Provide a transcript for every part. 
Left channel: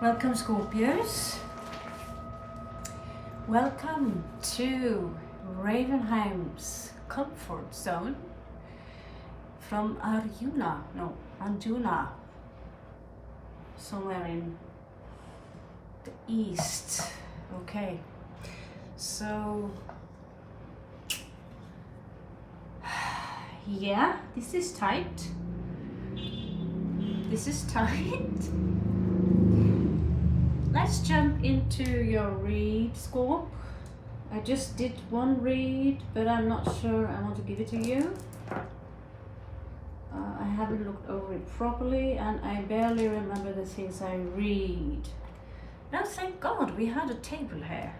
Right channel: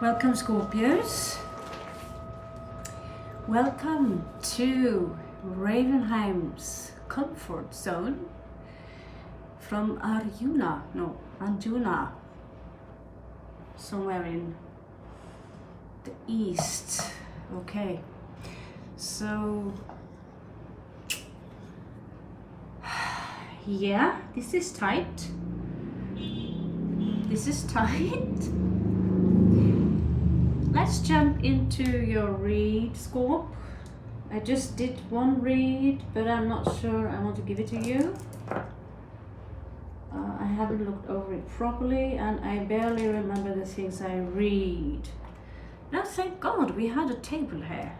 Welcome, Scorpios. Welcome to Ravenheim's comfort zone from Arjuna, somewhere in the east. Okay, so yeah, this is tight. This is tight. Let's jump into your read, Scorp. I just did one read, but I'm not sure I want to give it to you. I haven't looked over it properly, and I barely remember the things I read. Now, thank God we had a table here.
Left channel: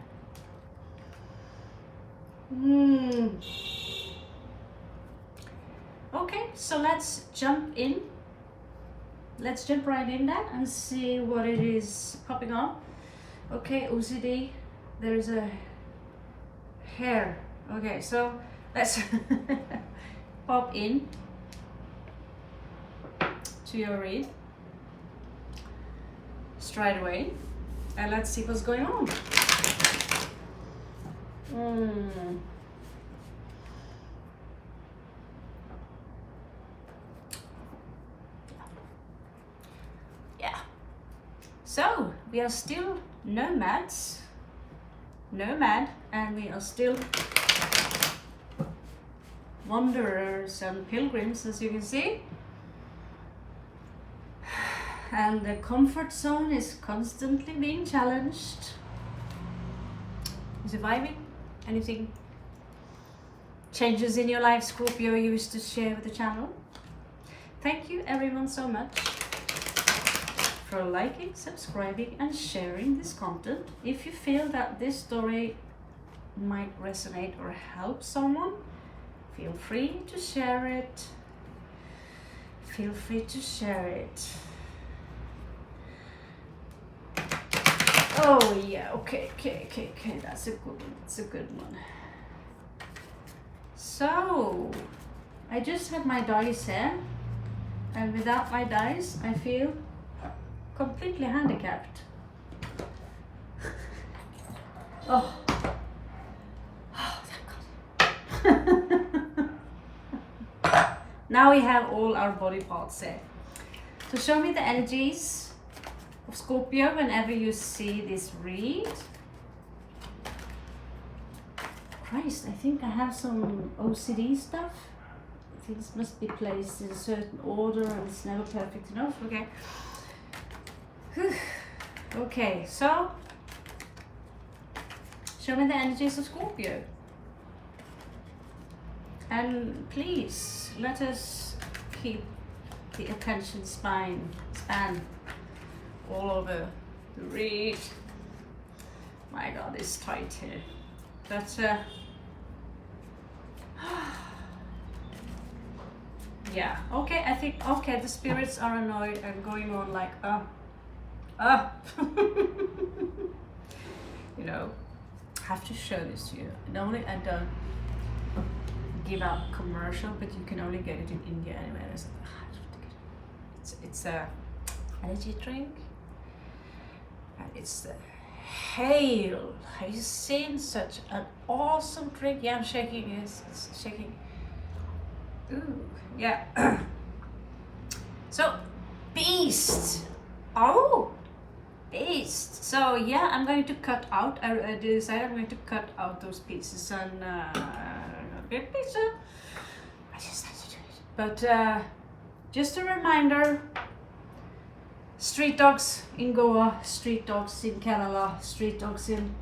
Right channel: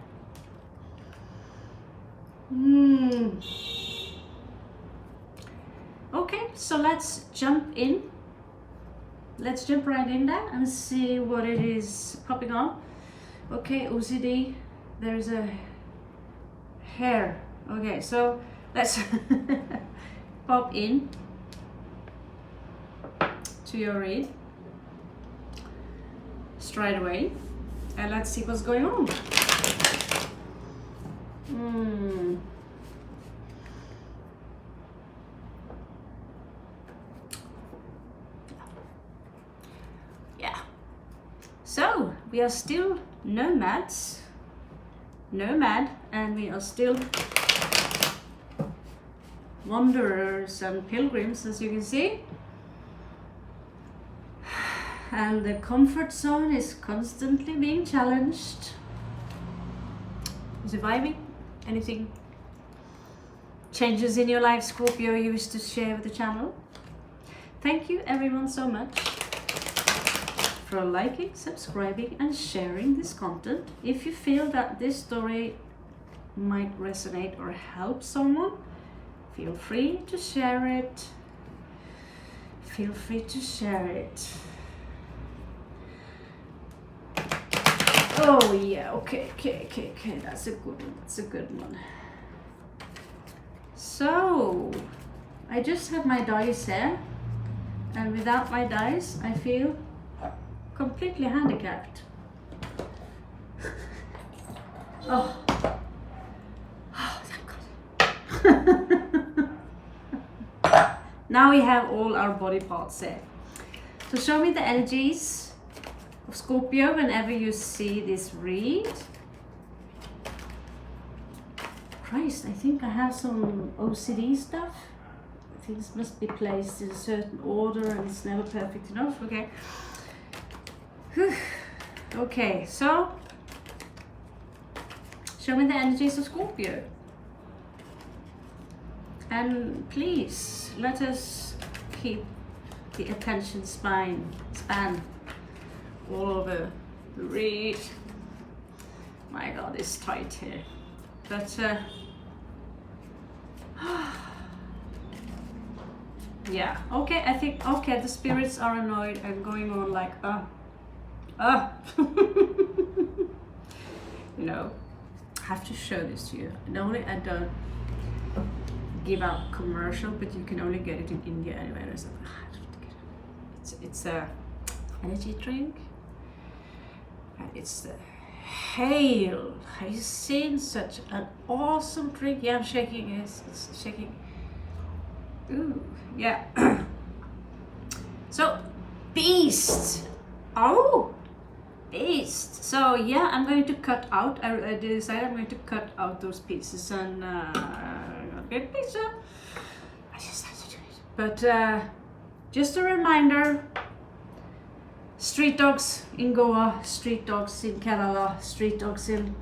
Okay, so let's jump in. Let's jump right in there and see what it is popping up. Okay, OCD, there's a hair. Okay, so let's pop in to your read straight away and let's see what's going on. So we are still nomad, and we are still wanderers and pilgrims, as you can see. And the comfort zone is constantly being challenged. Surviving? Anything? Changes in your life, Scorpio, you wish to share with the channel? Thank you everyone so much for liking, subscribing and sharing this content. If you feel that this story might resonate or help someone, feel free to share it. Feel free to share it. Oh yeah, okay, that's a good one, that's a good one. So, I just have my dice here, and without my dice, I feel completely handicapped. Oh, thank God. Now we have all our body parts here. So show me the energies of Scorpio whenever you see this read. Christ, I think I have some OCD stuff. Things must be placed in a certain order and it's never perfect enough. Okay. Okay, so show me the energies of Scorpio, and please let us keep the attention span all over the read. My God, it's tight here, but yeah, okay, I think, okay, the spirits are annoyed and going on like you know, I have to show this to you. Normally I don't give out commercial, but you can only get it in India anyway. I have to get it. It's a energy drink, and it's the Hail. Have you seen such an awesome drink? Yeah, I'm shaking. Yes, it's shaking. Ooh, yeah. So, beast. Oh. Beast. So yeah, I'm going to cut out. I decided I'm going to cut out those pieces and get pizza. I just have to do it. But just a reminder: street dogs in Goa, street dogs in Canada, street dogs in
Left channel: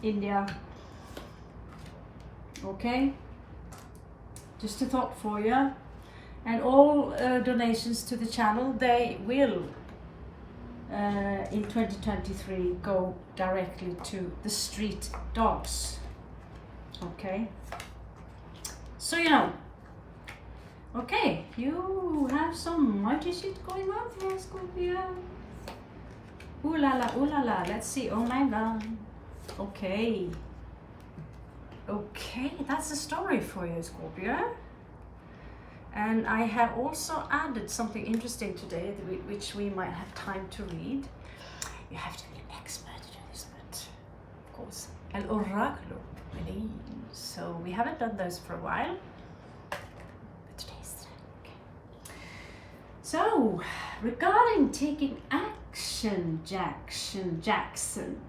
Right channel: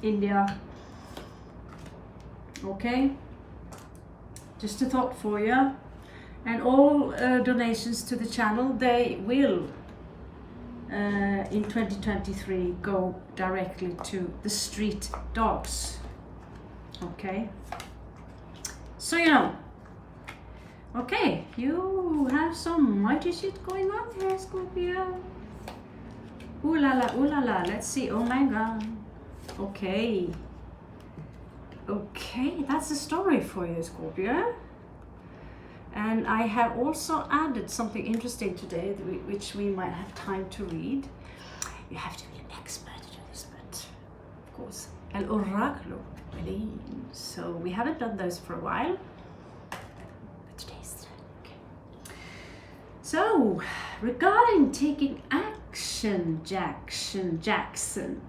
India. Okay. Just a thought for you. And all donations to the channel, they will. In 2023 go directly to the street dogs. Okay, so you know. Okay, you have some mighty shit going on here, Scorpio. Ooh la la, ooh la la. Let's see. Oh my God. Okay, that's the story for you, Scorpio. And I have also added something interesting today, which we might have time to read. you have to be an expert to do this, but of course, El Oráculo, really. So we haven't done those for a while, but today's the day. Okay. So, regarding taking action, Jackson,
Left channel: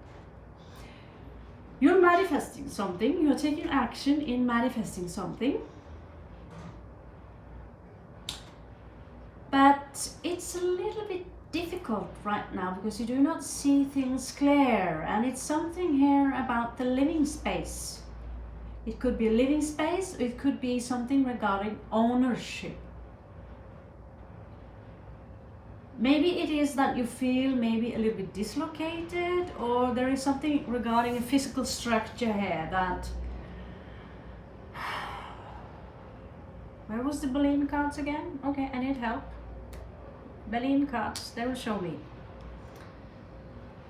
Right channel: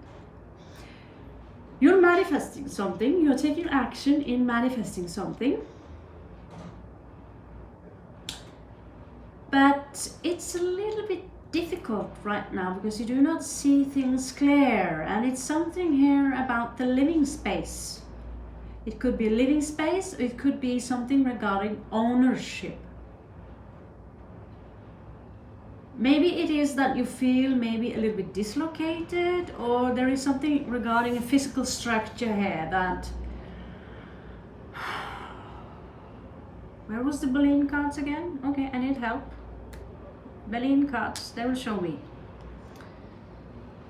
you're manifesting something, you're taking action in manifesting something, but it's a little bit difficult right now because you do not see things clear, and it's something here about the living space. It could be a living space, it could be something regarding ownership. Maybe it is that you feel maybe a little bit dislocated, or there is something regarding a physical structure here that... Where was the balloon cards again? Okay, I need help. Balloon cards, they will show me.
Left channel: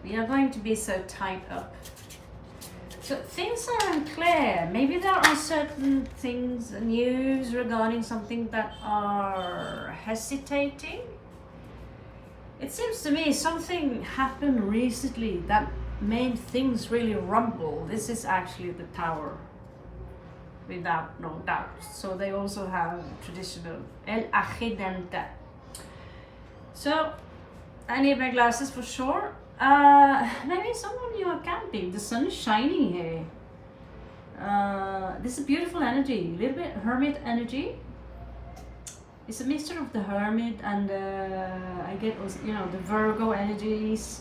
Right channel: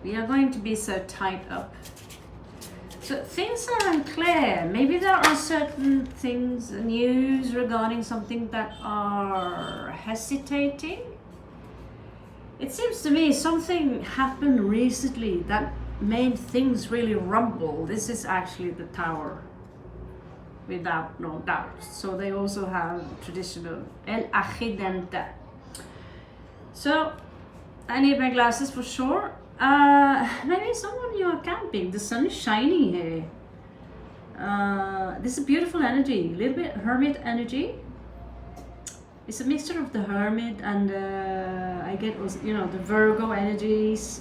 We are going to be so tied up. So things are unclear. Maybe there are certain things, news regarding something that are hesitating. It seems to me something happened recently that made things really rumble. This is actually the Tower, without no doubt. So they also have traditional El Accidente. So I need my glasses for sure. Maybe some of you are camping. The sun is shining here. This is beautiful energy, a little bit hermit energy. It's a mixture of the hermit and I get also, you know, the Virgo energies,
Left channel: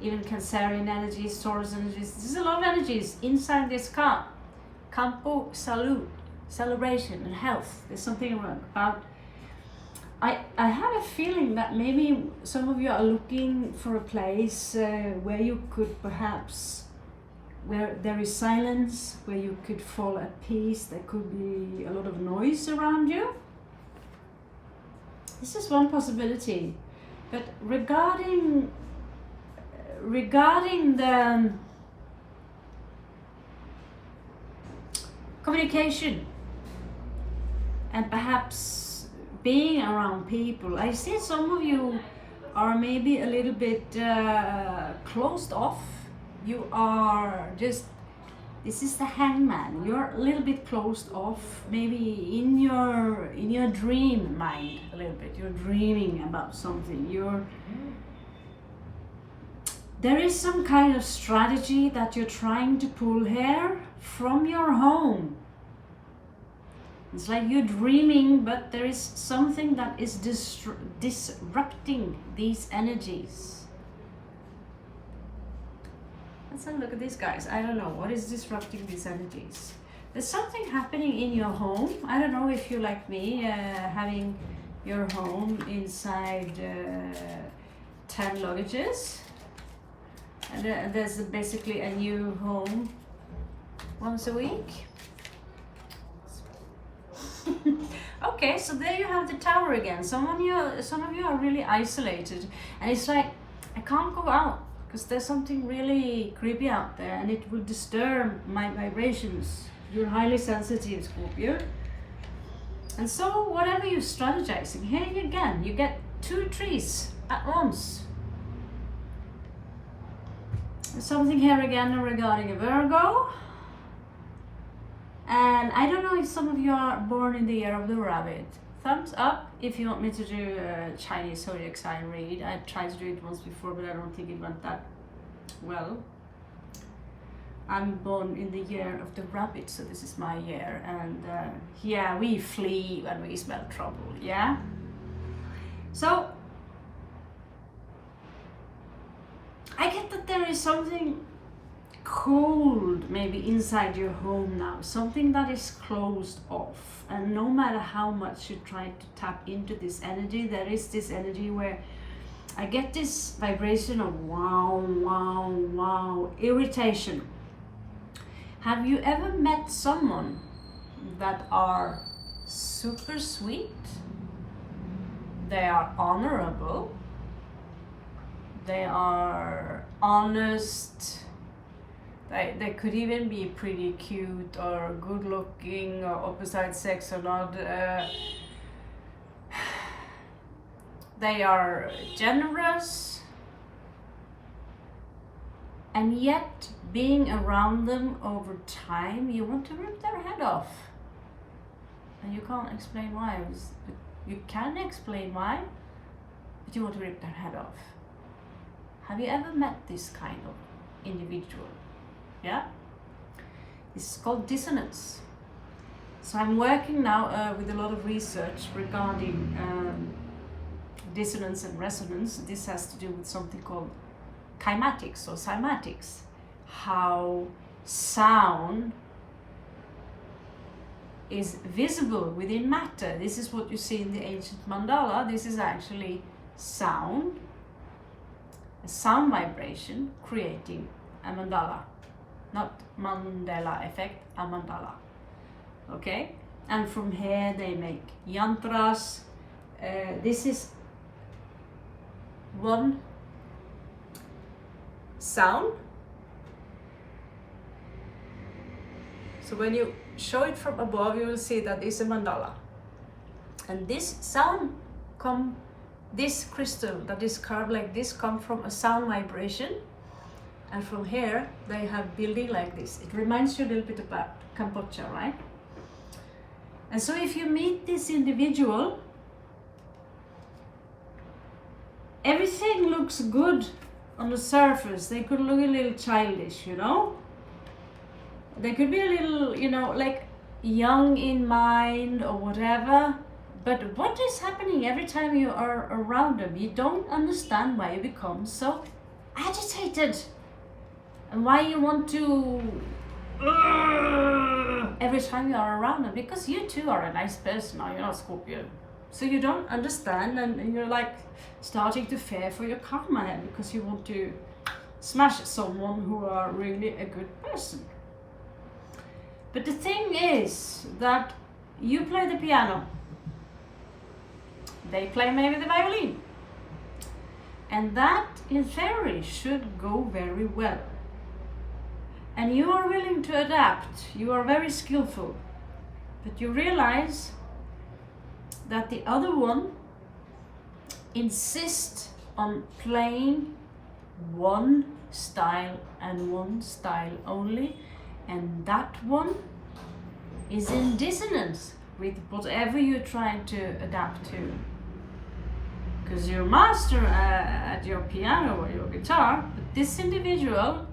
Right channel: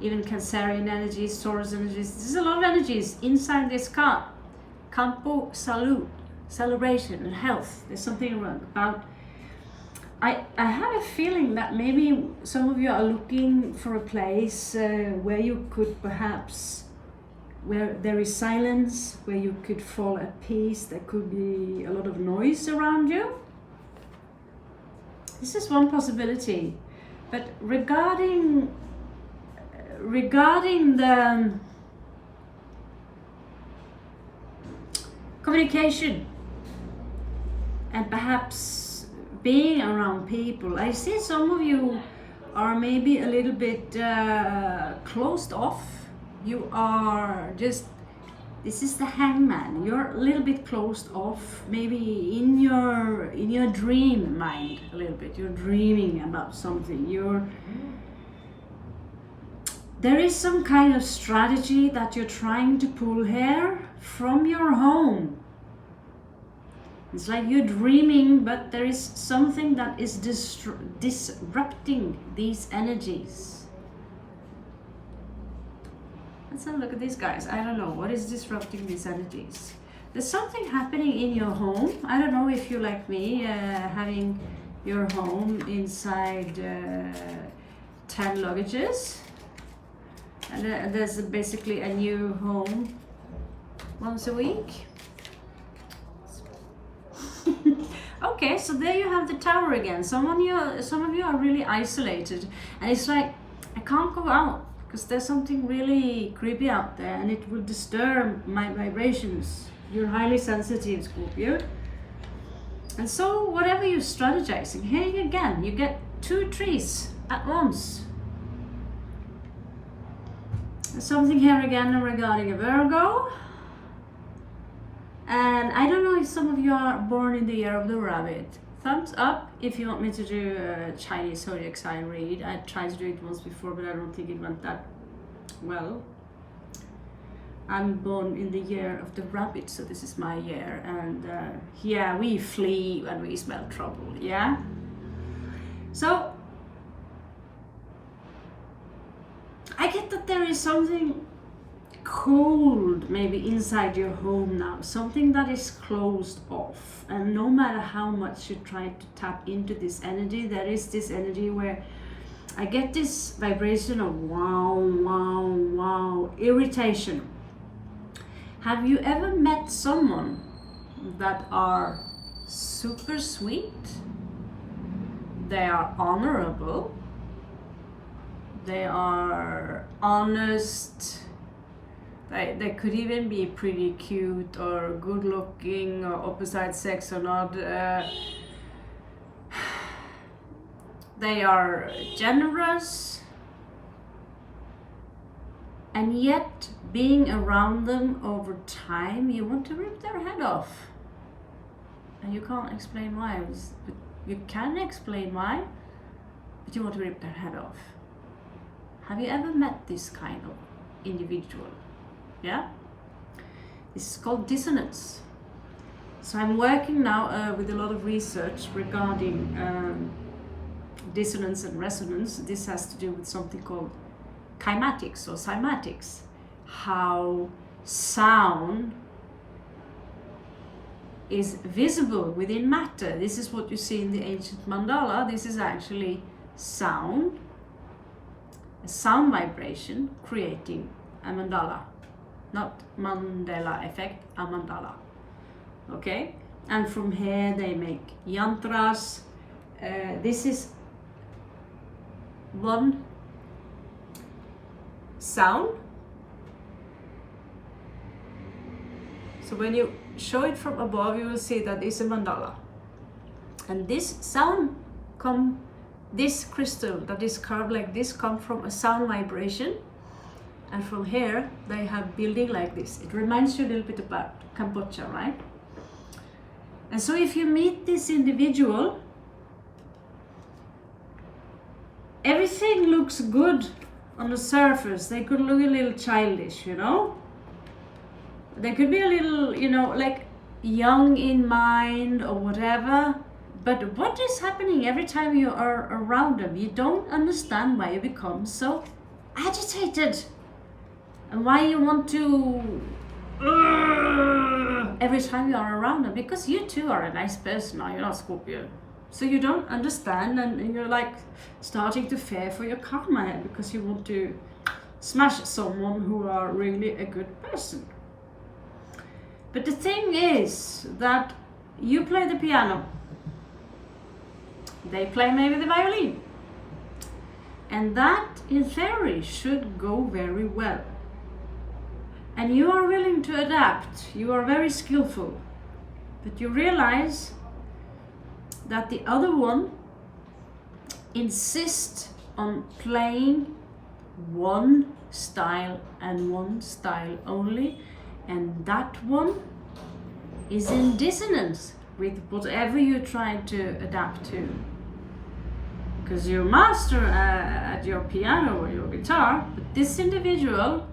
even Cancerian energies, Taurus energies. There's a lot of energies inside this card. Campo Salud, celebration and health. There's something about... I have a feeling that maybe some of you are looking for a place where you could perhaps, where there is silence, where you could fall at peace. There could be a lot of noise around you. This is one possibility. But regarding the communication and perhaps being around people, I see some of you are maybe a little bit closed off. You are just, this is the Hangman. You're a little bit closed off, maybe in your dream mind a little bit. You're dreaming about something. There is some kind of strategy that you're trying to pull here from your home. It's like you're dreaming, but there is something that is disrupting these energies. Let's have a look at these guys. I don't know what is disrupting these energies. There's something happening in your home. I don't know if you like me, having your home inside 10 luggages. And there's basically a new home once a week. Okay, so there you have the Tower again. Some of you are really isolated, and it's like, I can't go out because there's something really creepy out there and it will disturb my vibrations. You're highly sensitive, Scorpio. And so whatever you're strategizing, here again, you get two trees at once. Something here again regarding a Virgo. And I don't know if some of you are born in the year of the rabbit. Thumbs up if you want me to do a Chinese zodiac sign read. I tried to do it once before, but I don't think it went that well. I'm born in the year of the rabbit, so this is my year. And yeah, we flee when we smell trouble, yeah? So, I get that there is something cold maybe inside your home now, something that is closed off, and no matter how much you try to tap into this energy, there is this energy where I get this vibration of wow, irritation. Have you ever met someone that are super sweet? They are honorable, they are honest. They could even be pretty cute or good looking or opposite sex or not. They are generous. and yet being around them over time, you want to rip their head off. And you can't explain why. But you can explain why, but you want to rip their head off. Have you ever met this kind of individual? Yeah? This is called dissonance. So I'm working now with a lot of research regarding dissonance and resonance. This has to do with something called kymatics or cymatics. How sound is visible within matter. This is what you see in the ancient mandala. This is actually sound, a sound vibration creating a mandala. Not Mandela effect, a mandala. Okay? And from here they make yantras. This is one sound. So when you show it from above, you will see that it's a mandala. And this sound this crystal that is carved like this come from a sound vibration. And from here they have building like this. It reminds you a little bit about Cambodia, right? And so if you meet this individual, everything looks good on the surface. They could look a little childish, you know? They could be a little, you know, like young in mind or whatever. But what is happening every time you are around them? You don't understand why you become so agitated. And why you want to every time you are around them, because you too are a nice person, or you're not Scorpio. So you don't understand, and you're like starting to fear for your karma because you want to smash someone who are really a good person. But the thing is that you play the piano, they play maybe the violin, and that in theory should go very well. And you are willing to adapt, you are very skillful, but you realize that the other one insists on playing one style and one style only, and that one is in dissonance with whatever you're trying to adapt to. Because you're master at your piano or your guitar, but this individual,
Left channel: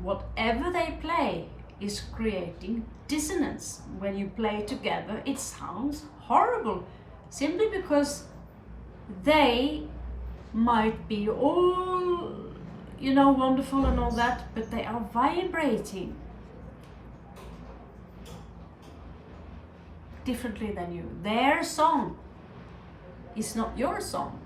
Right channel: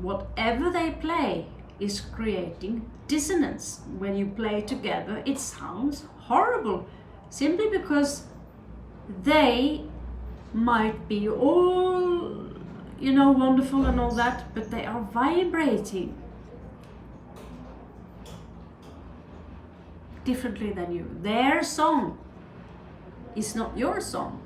whatever they play, is creating dissonance. When you play together, it sounds horrible, simply because they might be all, you know, wonderful and all that, but they are vibrating differently than you. Their song is not your song.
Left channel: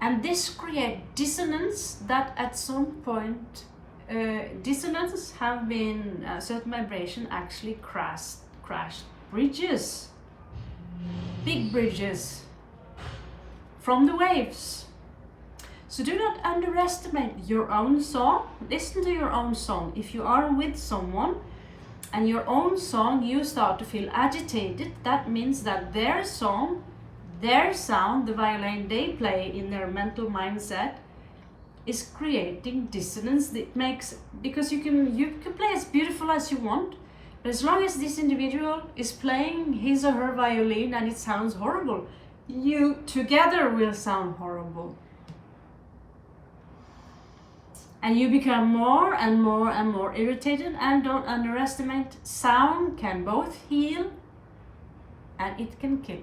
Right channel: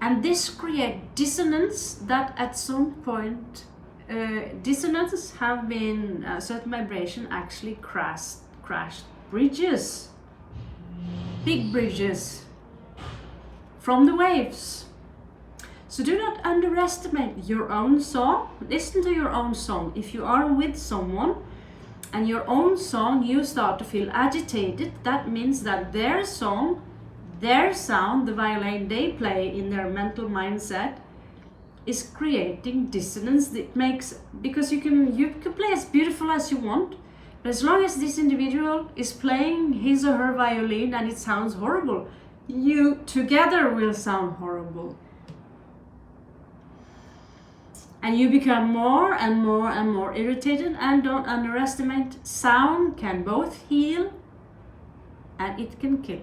And this creates dissonance that at some point, dissonances have been, certain vibration actually crashed bridges, big bridges from the waves. So do not underestimate your own song. Listen to your own song. If you are with someone and your own song, you start to feel agitated, that means that their song, their sound, the violin they play in their mental mindset, is creating dissonance. That makes, because you can play as beautiful as you want, but as long as this individual is playing his or her violin and it sounds horrible, you together will sound horrible. And you become more and more and more irritated. And don't underestimate, sound can both heal and it can kill.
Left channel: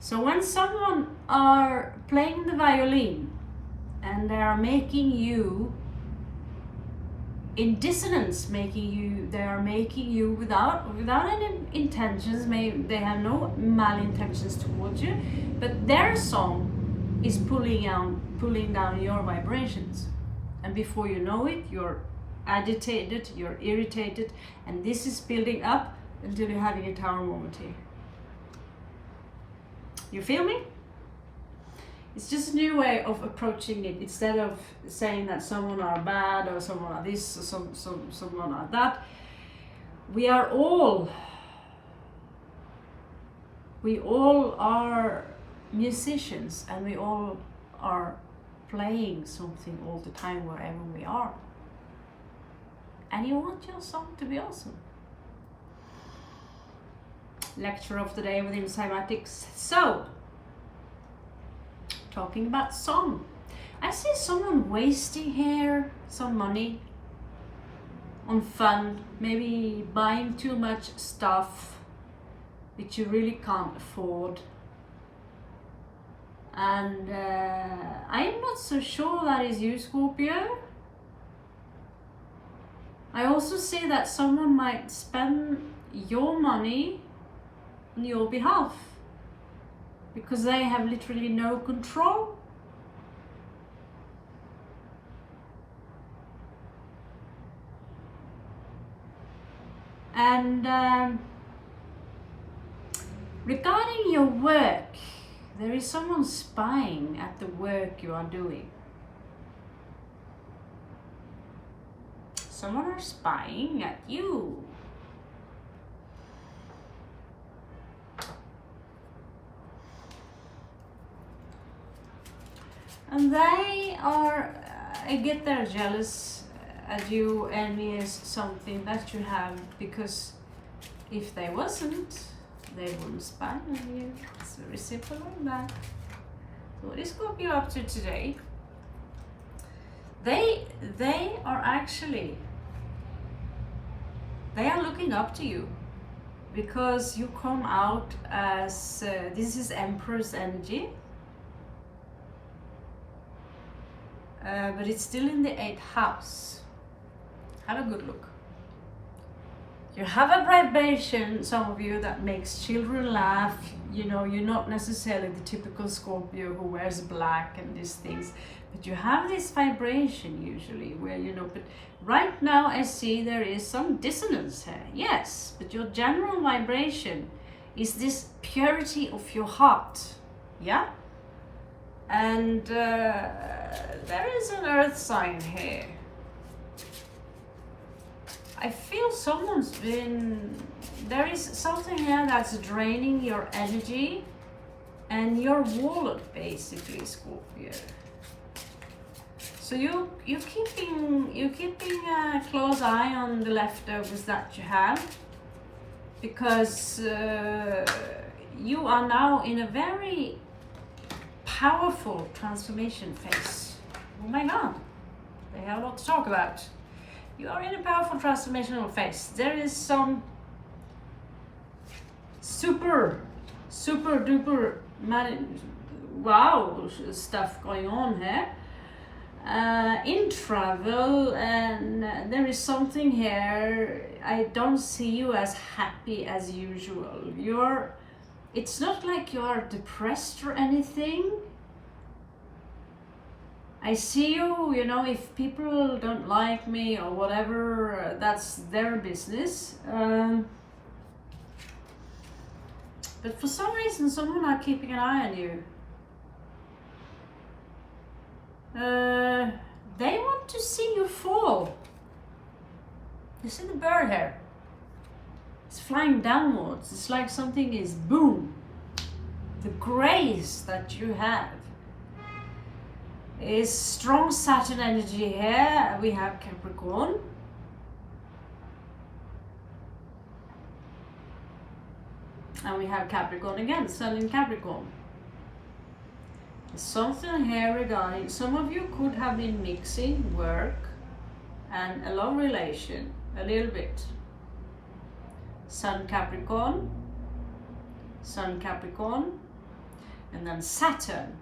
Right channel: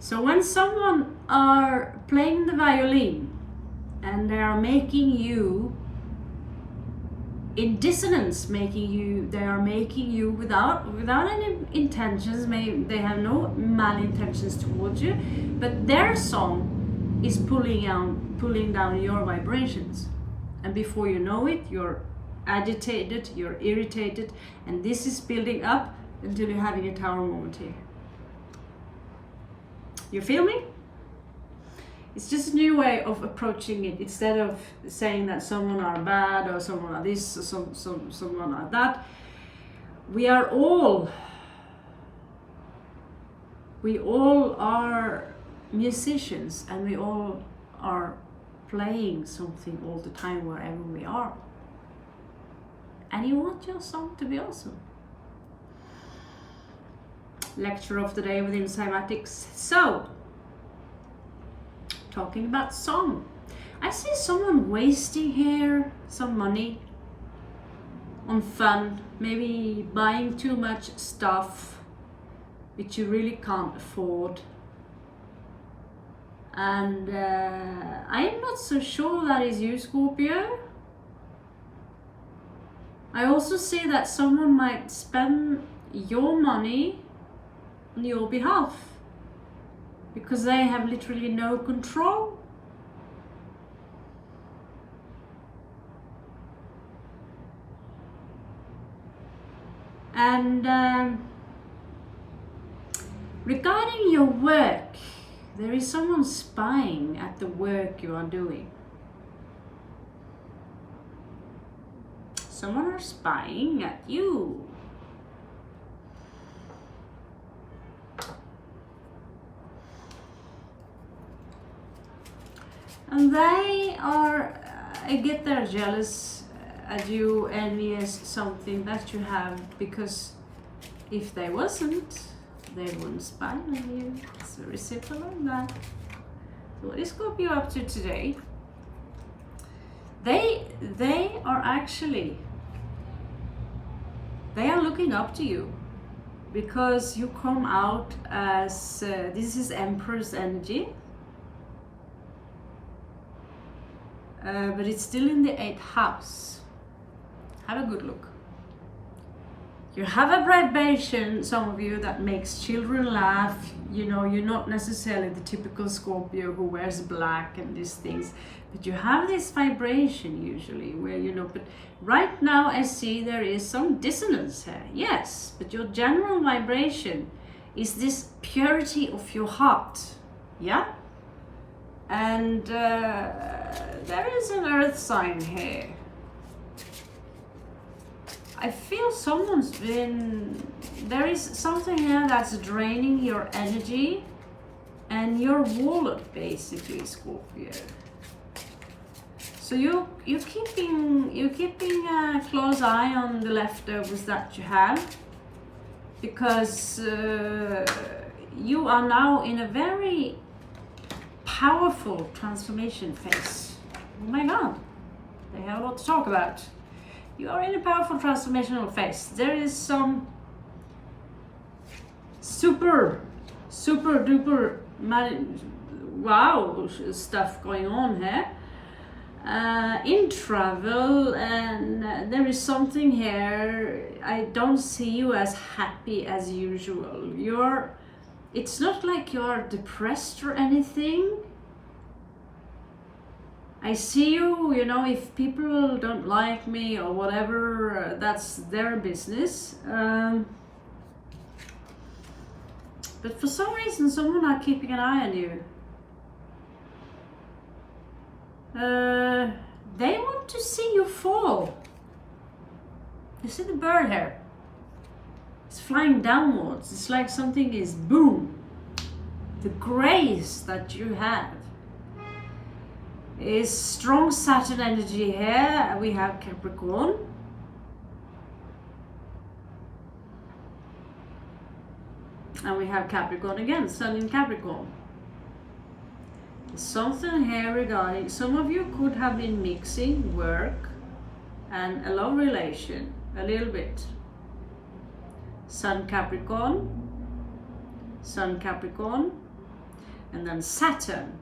So when someone are playing the violin and they are making you in dissonance, they are making you without any intentions, they have no malintentions towards you, but their song is pulling down your vibrations. And before you know it, you're agitated, you're irritated, and this is building up until you're having a tower moment here. You feel me? It's just a new way of approaching it. Instead of saying that someone are bad or someone are this or someone are that, we all are musicians, and we all are playing something all the time wherever we are. And you want your song to be awesome. Lecture of the day within cymatics. So, talking about song. I see someone wasting here some money on fun, maybe buying too much stuff which you really can't afford. And I'm not so sure that is you, Scorpio. I also see that someone might spend your money on your behalf because they have literally no control. And regarding your work, there is someone spying at the work you are doing. Someone are spying at you. And they are, I get they're jealous at you, envious something that you have, because if they wasn't, they wouldn't spy on you. It's very simple like that. So what is Scorpio up to today? They are actually, they are looking up to you because you come out as, this is Empress energy. But it's still in the 8th house. Have a good look. You have a vibration, some of you, that makes children laugh. You know, you're not necessarily the typical Scorpio who wears black and these things, but you have this vibration usually where, you know, but right now I see there is some dissonance here. Yes, but your general vibration is this purity of your heart. Yeah? And there is an earth sign here. I feel someone's been, there is something here that's draining your energy and your wallet, basically, Scorpio. So you're keeping a close eye on the leftovers that you have, because you are now in a very powerful transformation phase. Oh my God, they have a lot to talk about. You are in a powerful transformational phase. There is some super duper wow stuff going on here in travel, and there is something here. I don't see you as happy as usual. It's not like you're depressed or anything. I see you, you know, if people don't like me or whatever, that's their business. But for some reason, someone are keeping an eye on you. They want to see you fall. You see the bird here? It's flying downwards. It's like something is boom. The grace that you have is strong Saturn energy here. We have Capricorn. And we have Capricorn again, Sun in Capricorn. There's something here regarding, some of you could have been mixing work and a love relation a little bit. Sun Capricorn, and then Saturn.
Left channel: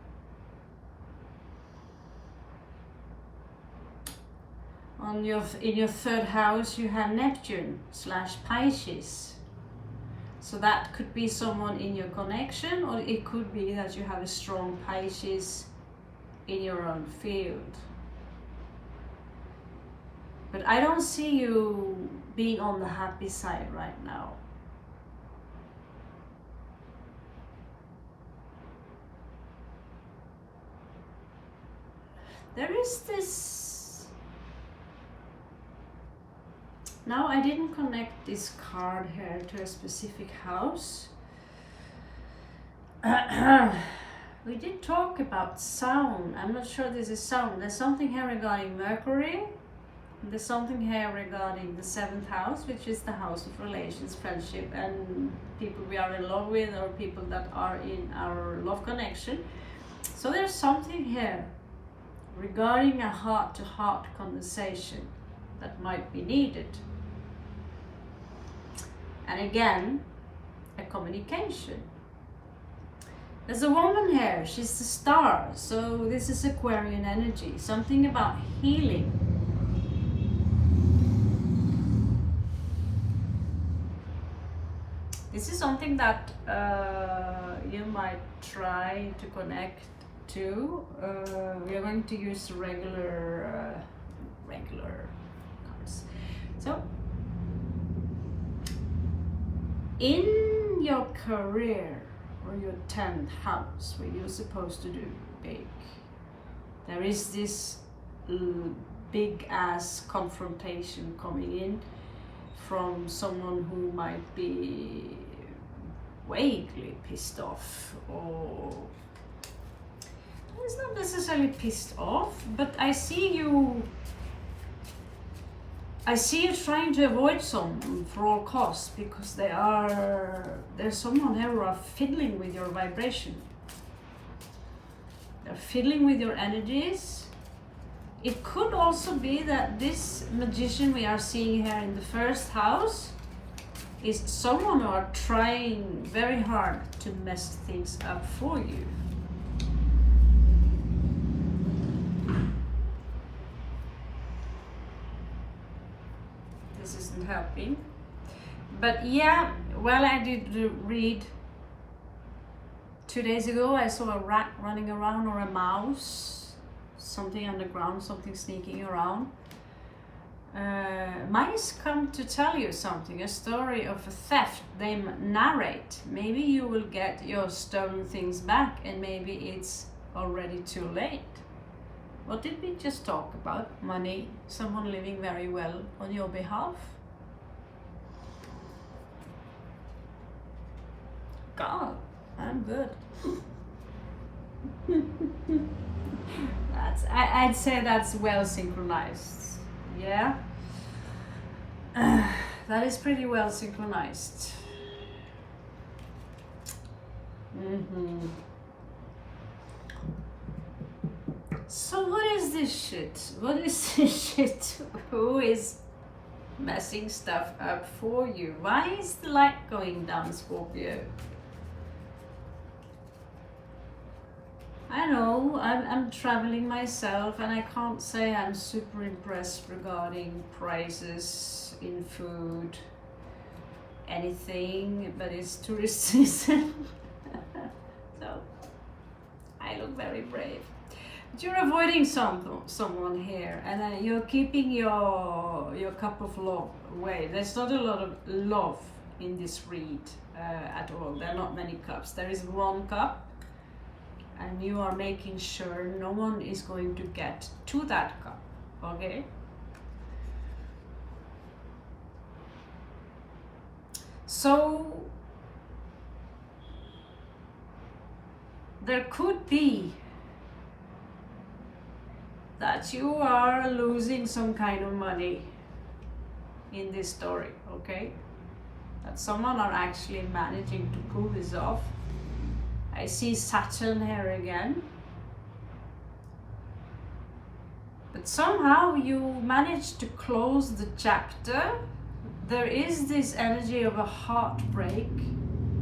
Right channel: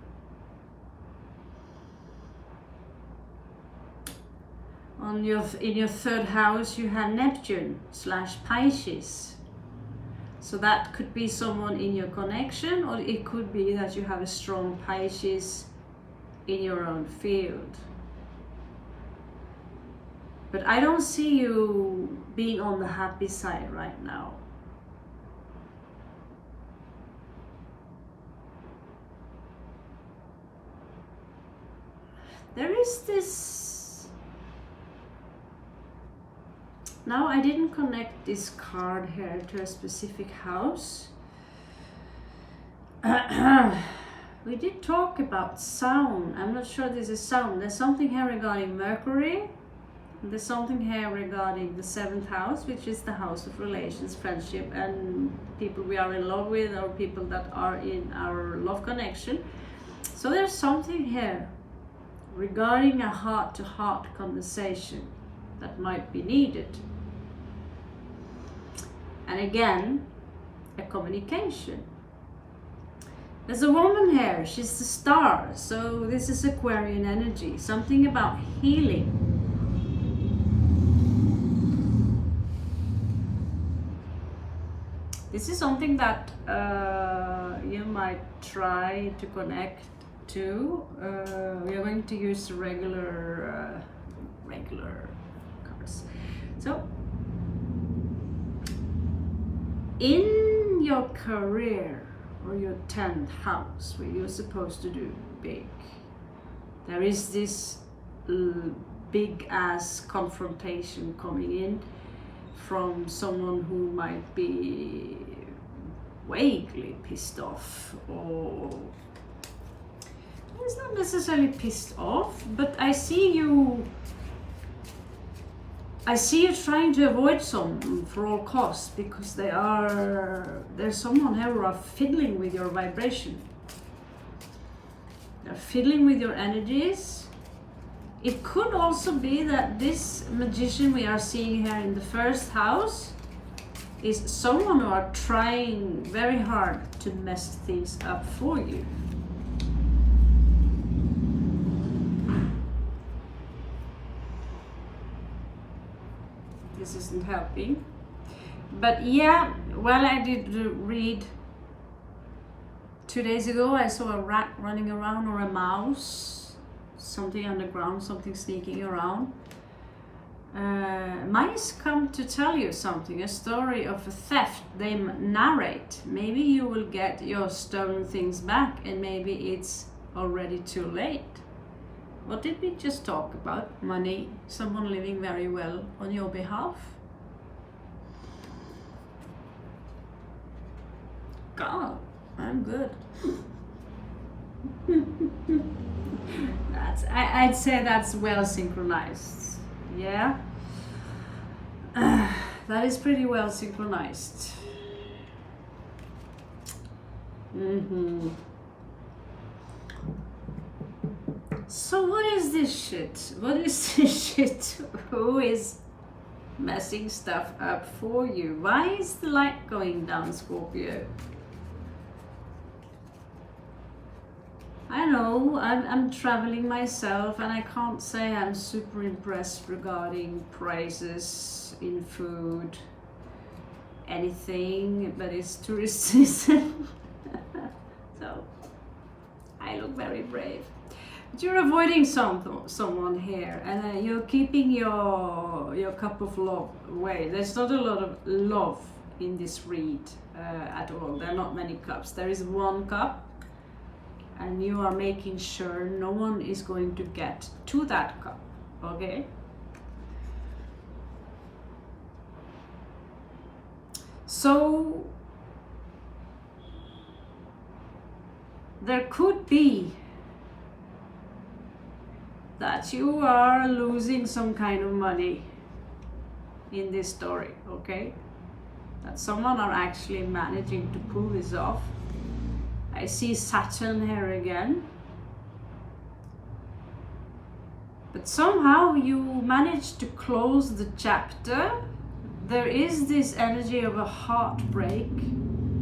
In your 3rd house you have Neptune / Pisces. So that could be someone in your connection, or it could be that you have a strong Pisces in your own field. But I don't see you being on the happy side right now. There is this. Now I didn't connect this card here to a specific house. We did talk about sound. I'm not sure this is sound. There's something here regarding Mercury. There's something here regarding the 7th house, which is the house of relations, friendship, and people we are in love with, or people that are in our love connection. So there's something here regarding a heart-to-heart conversation that might be needed. And again, a communication. There's a woman here, she's the star, so this is Aquarian energy, something about healing. This is something that you might try to connect to. We are going to use regular cards. So, in your career, or your 10th house, where you're supposed to do big, there is this big ass confrontation coming in from someone who might be vaguely pissed off, or it's not necessarily pissed off, but I see you trying to avoid someone for all costs, because there's someone here who are fiddling with your vibration. They're fiddling with your energies. It could also be that this magician we are seeing here in the 1st house is someone who are trying very hard to mess things up for you. This isn't helping. But yeah, well, I did read 2 days ago, I saw a rat running around, or a mouse, something underground, something sneaking around. Mice come to tell you something, a story of a theft they narrate. Maybe you will get your stolen things back, and maybe it's already too late. What did we just talk about? Money, someone living very well on your behalf. God, I'm good. I'd say that's well synchronized. Yeah, that is pretty well synchronized. So what is this shit? What is this shit? Who is messing stuff up for you? Why is the light going down, Scorpio? I know, I'm traveling myself, and I can't say I'm super impressed regarding prices in food, anything, but it's tourist season. So I look very brave. But you're avoiding someone here, and you're keeping your cup of love away. There's not a lot of love in this read at all. There are not many cups. There is 1 cup. And you are making sure no one is going to get to that cup, okay? So there could be that you are losing some kind of money in this story, okay? That someone are actually managing to pull this off. I see Saturn here again. But somehow you managed to close the chapter. There is this energy of a heartbreak,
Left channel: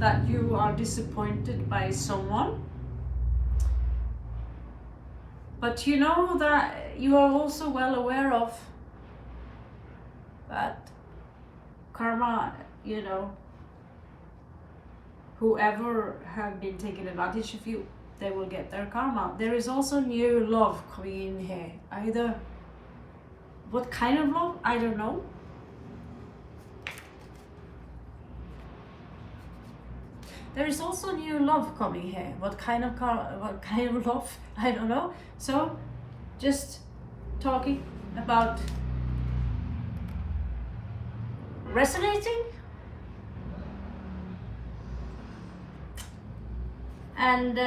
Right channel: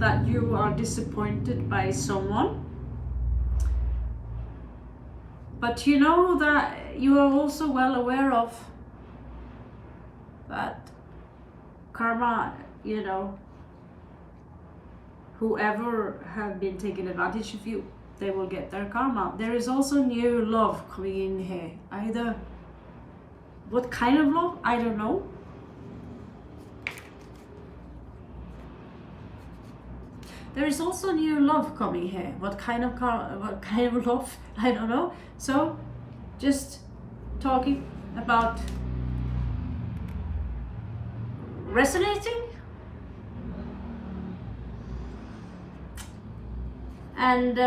that you are disappointed by someone. But you know that you are also well aware of that karma, you know, whoever have been taking advantage of you, they will get their karma. There is also new love coming in here. Either, what kind of love? I don't know. There is also new love coming here. What kind of love? I don't know. So, just talking about resonating. And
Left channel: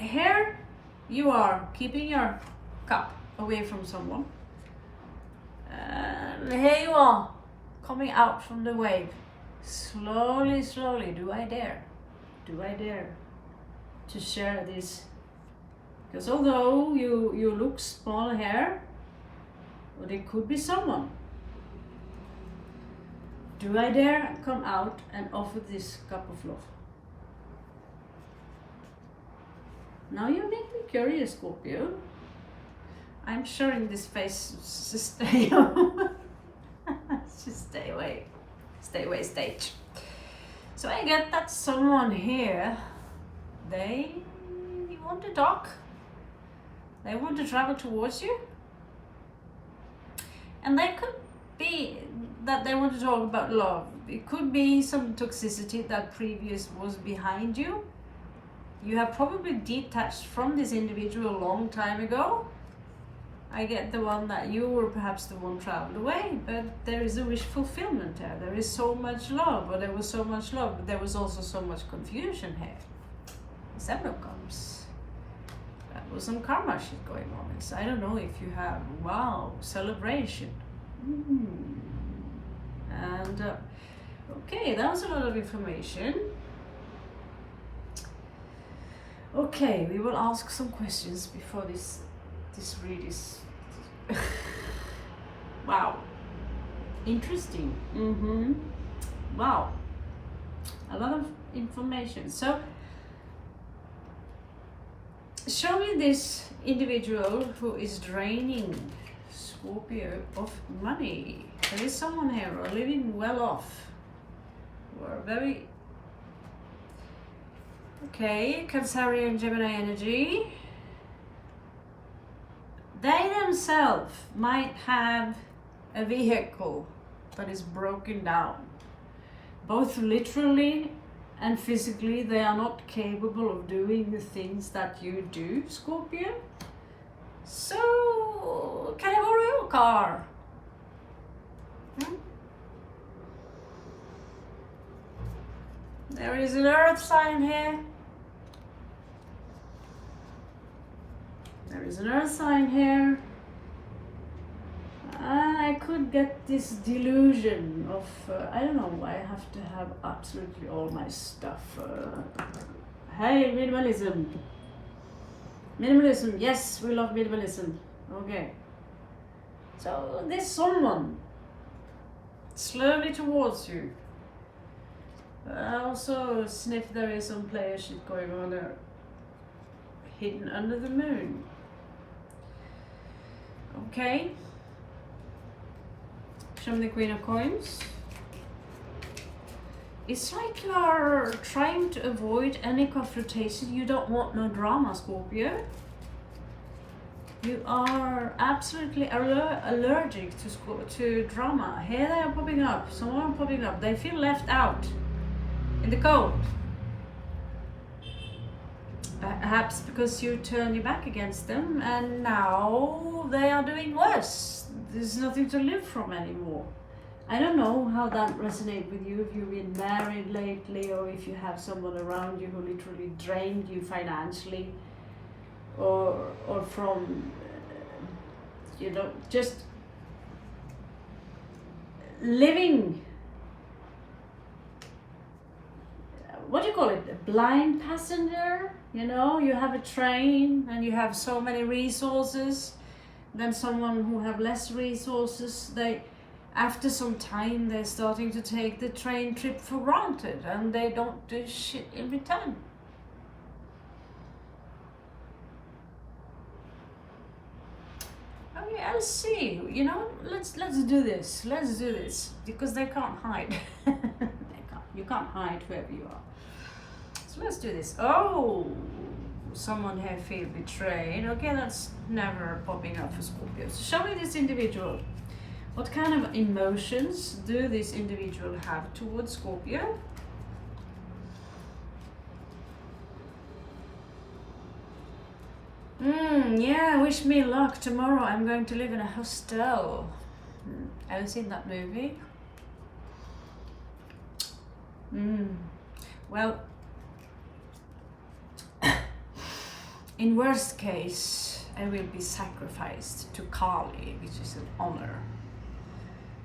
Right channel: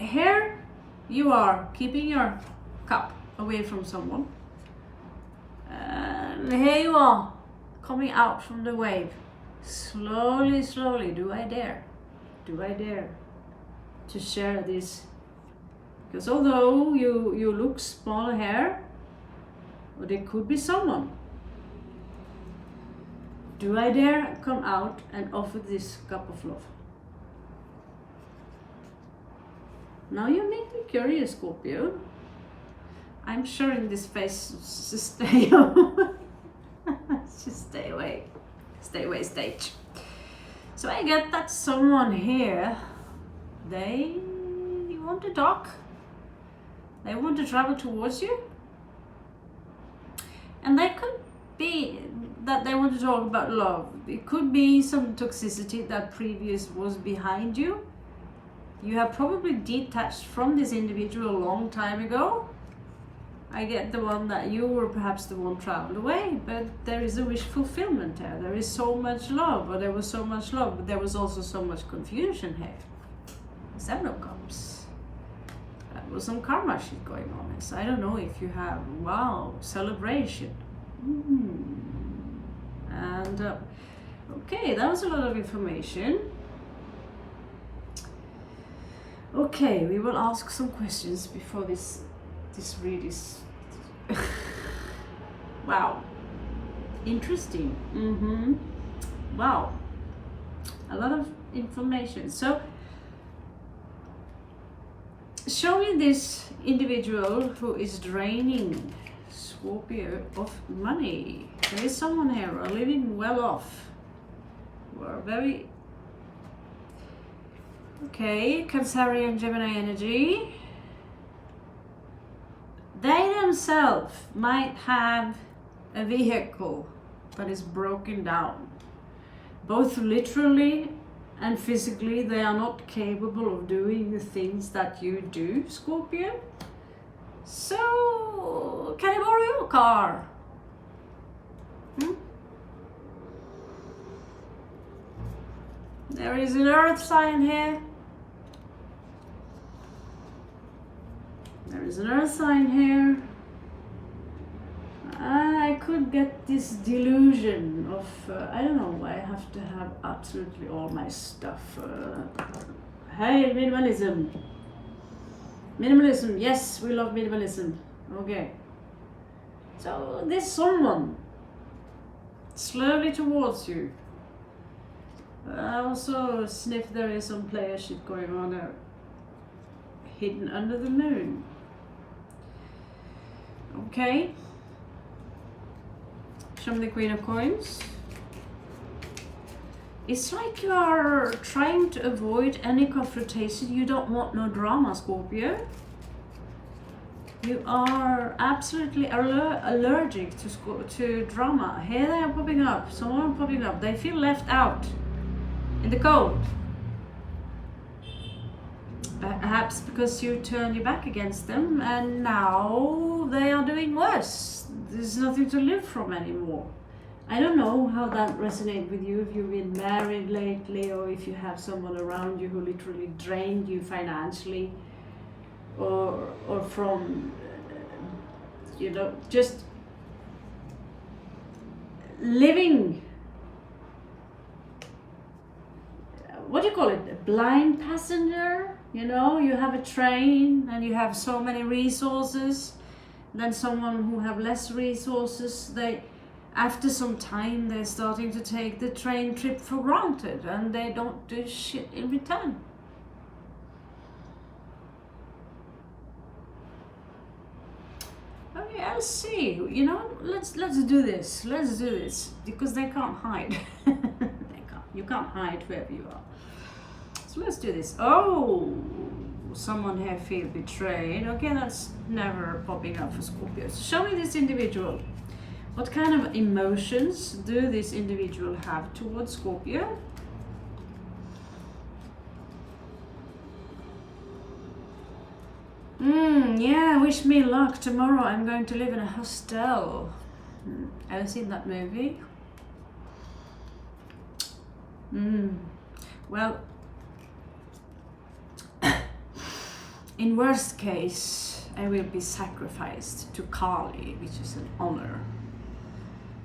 here you are keeping your cup away from someone, and here you are coming out from the wave. Slowly, slowly. Do I dare? Do I dare to share this? Because although you look small here, well, there could be someone. Do I dare come out and offer this cup of love? Now you make me curious, Scorpio. I'm sharing this face to stay just stay away. Stay away stage. So I get that someone here, they want to talk. They want to travel towards you. And they could be that they want to talk about love. It could be some toxicity that previous was behind you. You have probably detached from this individual a long time ago. I get the one that you were perhaps the one traveled away, but there is a wish fulfillment there. There is so much love, or there was so much love, but there was also so much confusion here. Seven of Cups. That was some karma shit going on. So I don't know if you have, wow, celebration. And okay, that was a lot of information. Okay, we will ask some questions before this read is wow, interesting. Wow, a lot of information. So show me this individual who is draining Scorpio of money. There is someone here who are living well off, who are very okay. Cancerian, Gemini energy. They themselves might have a vehicle that is broken down. Both literally and physically, they are not capable of doing the things that you do, Scorpio. So, can I borrow your car? There is an earth sign here. There is an earth sign here. I could get this delusion of, I don't know, I have to have absolutely all my stuff. Hey, minimalism. Minimalism, yes, we love minimalism. Okay. So there's someone slowly towards you. I also sniff there is some player shit going on there. Hidden under the moon. Okay. Show me the Queen of Coins. It's like you are trying to avoid any confrontation. You don't want no drama, Scorpio. You are absolutely allergic to drama. Here they are popping up. Someone popping up. They feel left out in the cold. Perhaps because you turn your back against them and now they are doing worse. There's nothing to live from anymore. I don't know how that resonates with you, if you've been married lately or if you have someone around you who literally drained you financially or from, you know, just living, what do you call it, a blind passenger? You know, you have a train and you have so many resources. Then someone who have less resources, they, after some time, they're starting to take the train trip for granted and they don't do shit in return. Okay, I'll see. You know, let's do this. Let's do this because they can't hide. You can't hide wherever you are. So let's do this. Oh, someone here feel betrayed. Okay, that's never popping up for Scorpio. So show me this individual. What kind of emotions do this individual have towards Scorpio? Yeah, wish me luck. Tomorrow I'm going to live in a hostel. Haven't seen that movie. Well, in worst case, I will be sacrificed to Kali, which is an honor.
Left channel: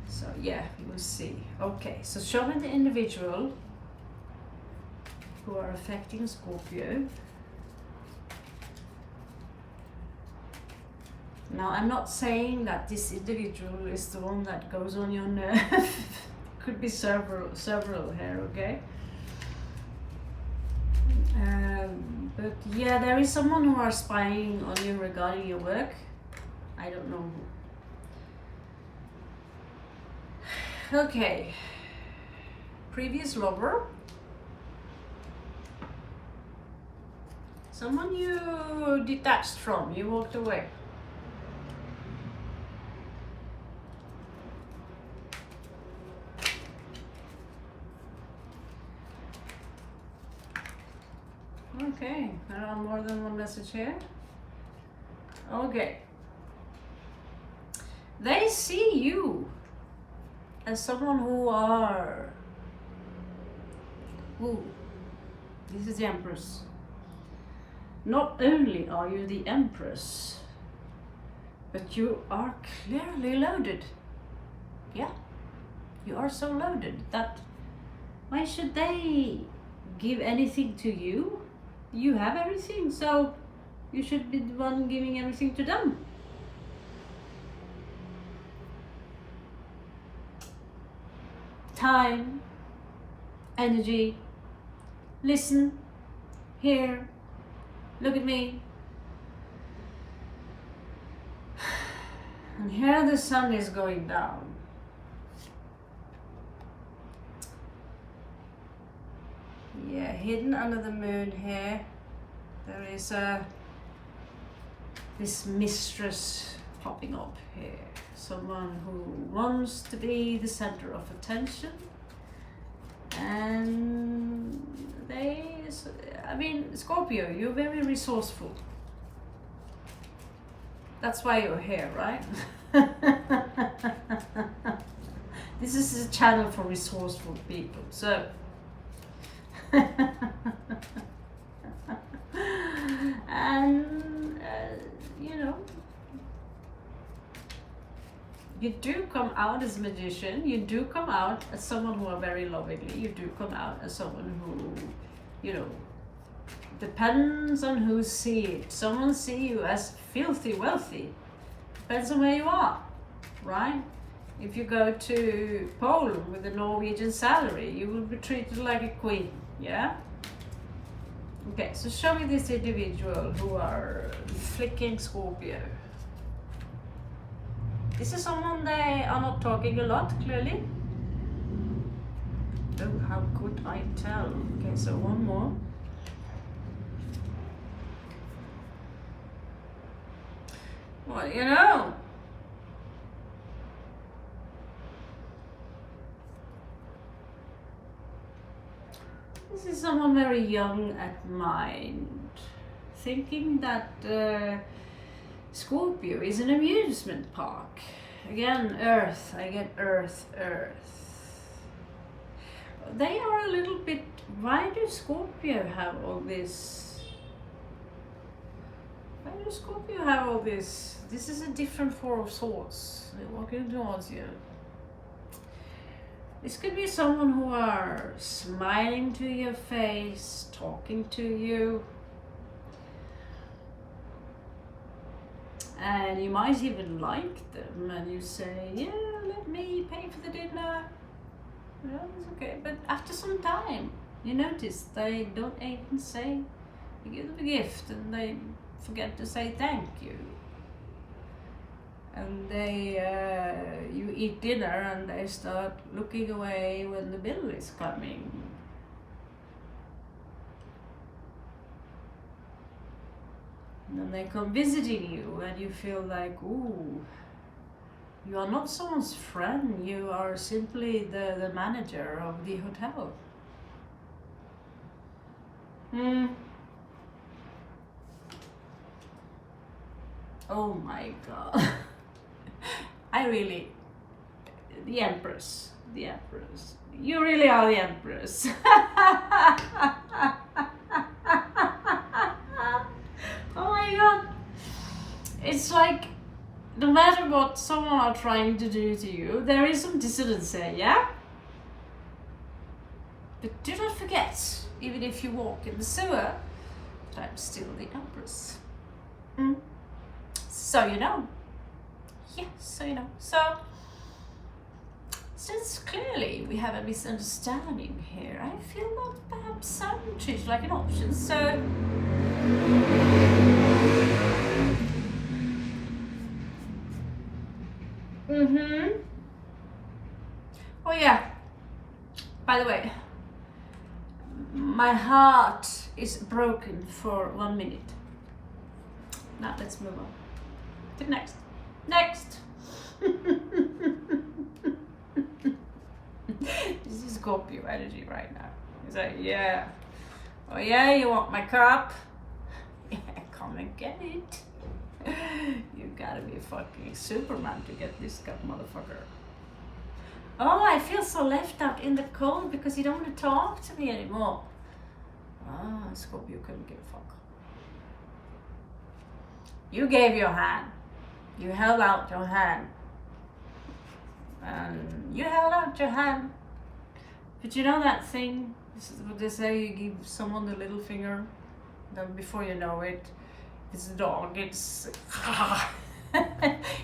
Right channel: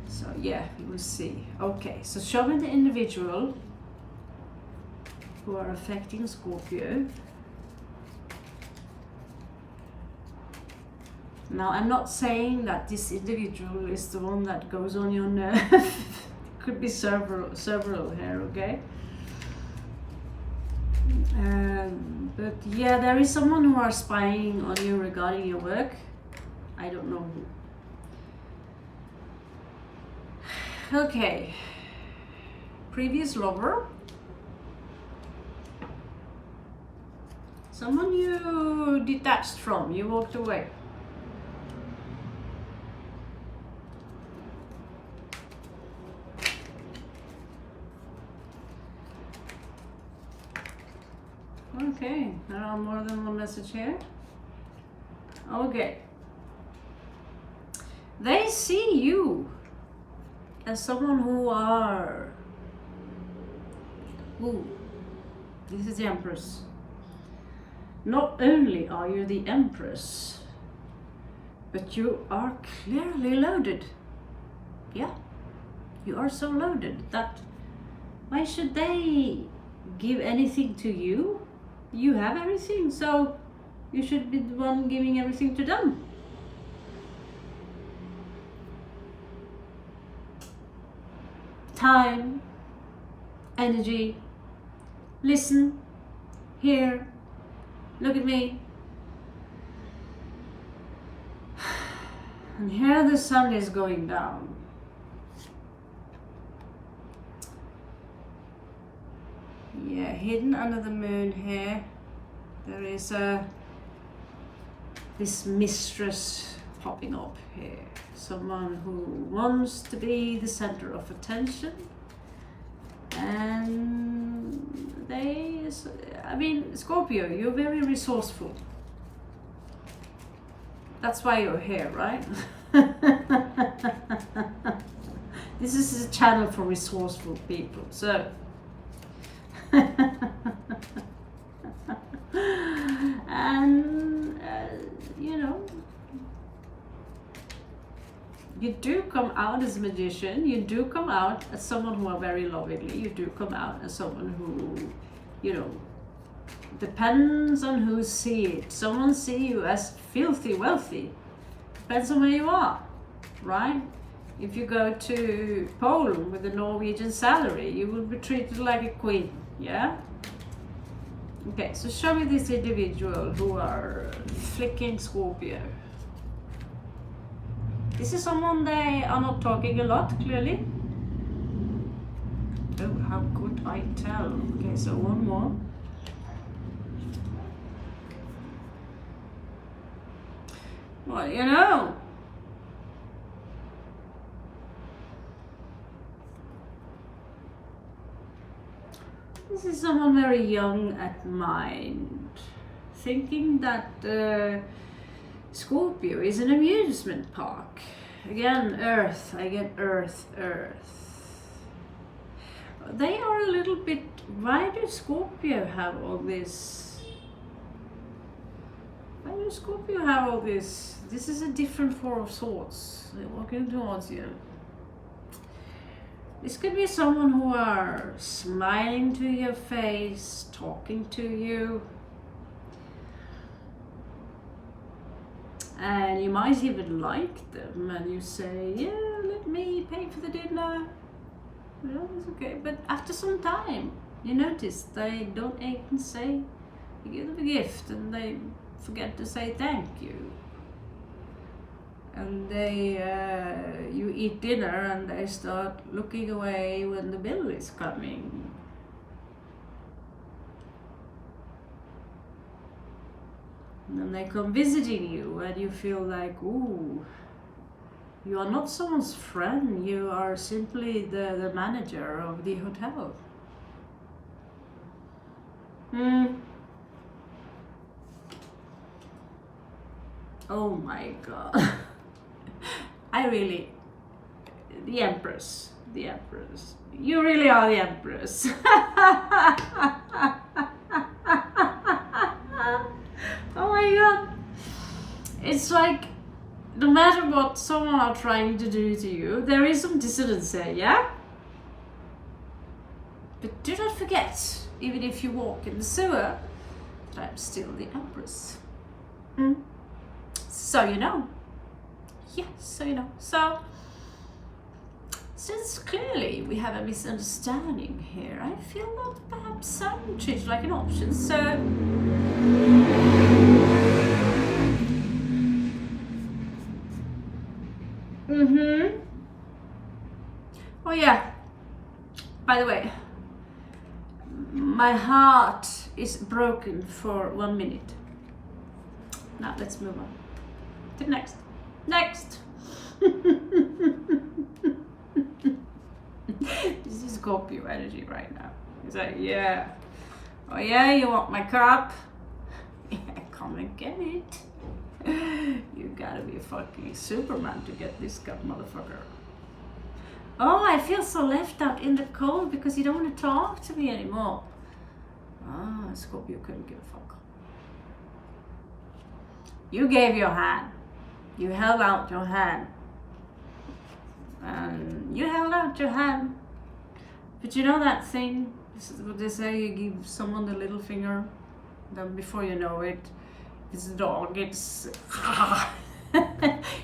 So yeah, we will see. Okay, so show me the individual who are affecting Scorpio. Now, I'm not saying that this individual is the one that goes on your nerve. Could be several here, okay? But yeah, there is someone who are spying on you regarding your work. I don't know who. Okay. Previous lover. Someone you detached from, you walked away. Okay, there are more than one message here. Okay. They see you as someone who are... Ooh, this is the Empress. Not only are you the Empress, but you are clearly loaded. Yeah, you are so loaded that why should they give anything to you? You have everything, so you should be the one giving everything to them. Time, energy, listen, hear, look at me. And here the sun is going down. Yeah, hidden under the moon here, there is this mistress popping up here. Someone who wants to be the center of attention. And Scorpio, you're very resourceful. That's why you're here, right? This is a channel for resourceful people, so and you know, you do come out as a magician, you do come out as someone who are very lovingly, you do come out as someone who, you know, depends on who see it. Someone see you as filthy wealthy, depends on where you are, right? If you go to Poland with a Norwegian salary, you will be treated like a queen, yeah? Okay, so show me this individual who are flicking Scorpio. This is someone they are not talking a lot, clearly. Oh, how could I tell? Okay, so one more. Well, you know, this is someone very young at mind, thinking that Scorpio is an amusement park. Again, Earth, I get Earth. They are a little bit, why do Scorpio have all this? Why do Scorpio have all this? This is a different Four of Swords. They're walking towards you. This could be someone who are smiling to your face, talking to you. And you might even like them and you say, yeah, let me pay for the dinner. Well, it's okay. But after some time, you notice they don't even say, you give them a gift and they forget to say thank you. And you eat dinner and they start looking away when the bill is coming. And then they come visiting you and you feel like, ooh, you are not someone's friend, you are simply the manager of the hotel. Oh my God. The Empress. You really are the Empress. Oh no matter what someone are trying to do to you, there is some dissonance there, yeah? But do not forget, even if you walk in the sewer, that I'm still the Empress. So you know. Yeah, so you know. So, since clearly we have a misunderstanding here, I feel that perhaps I'm treated like an option, so... Oh yeah, by the way, my heart is broken for 1 minute. Now let's move on to the next. Next! This is Scorpio energy right now. It's like, yeah. Oh yeah, you want my cup? Yeah, come and get it. You gotta be a fucking Superman to get this cup, motherfucker. Oh, I feel so left out in the cold because you don't want to talk to me anymore. Ah, Scorpio couldn't give a fuck. You gave your hand. You held out your hand. You held out your hand. But you know that thing? This is what they say, you give someone the little finger. Then before you know it, it's a dog. It's...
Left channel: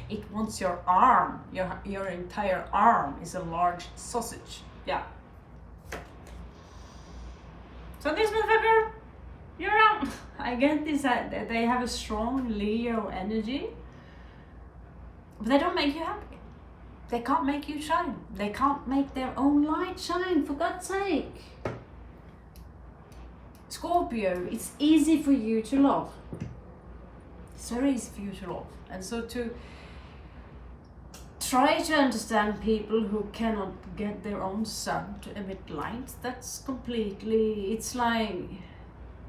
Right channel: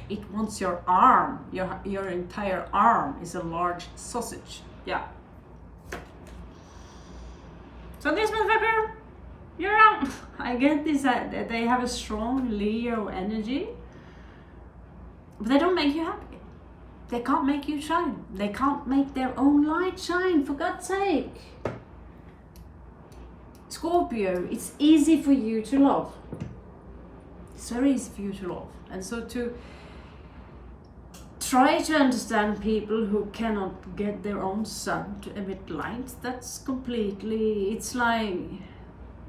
it wants your arm. Your entire arm is a large sausage. Yeah. So this motherfucker, you're out. I get this, they have a strong Leo energy, but they don't make you happy. They can't make you shine. They can't make their own light shine, for God's sake. Scorpio, it's easy for you to love. It's very easy for you to love. And so to try to understand people who cannot get their own sun to emit light, that's completely, it's like,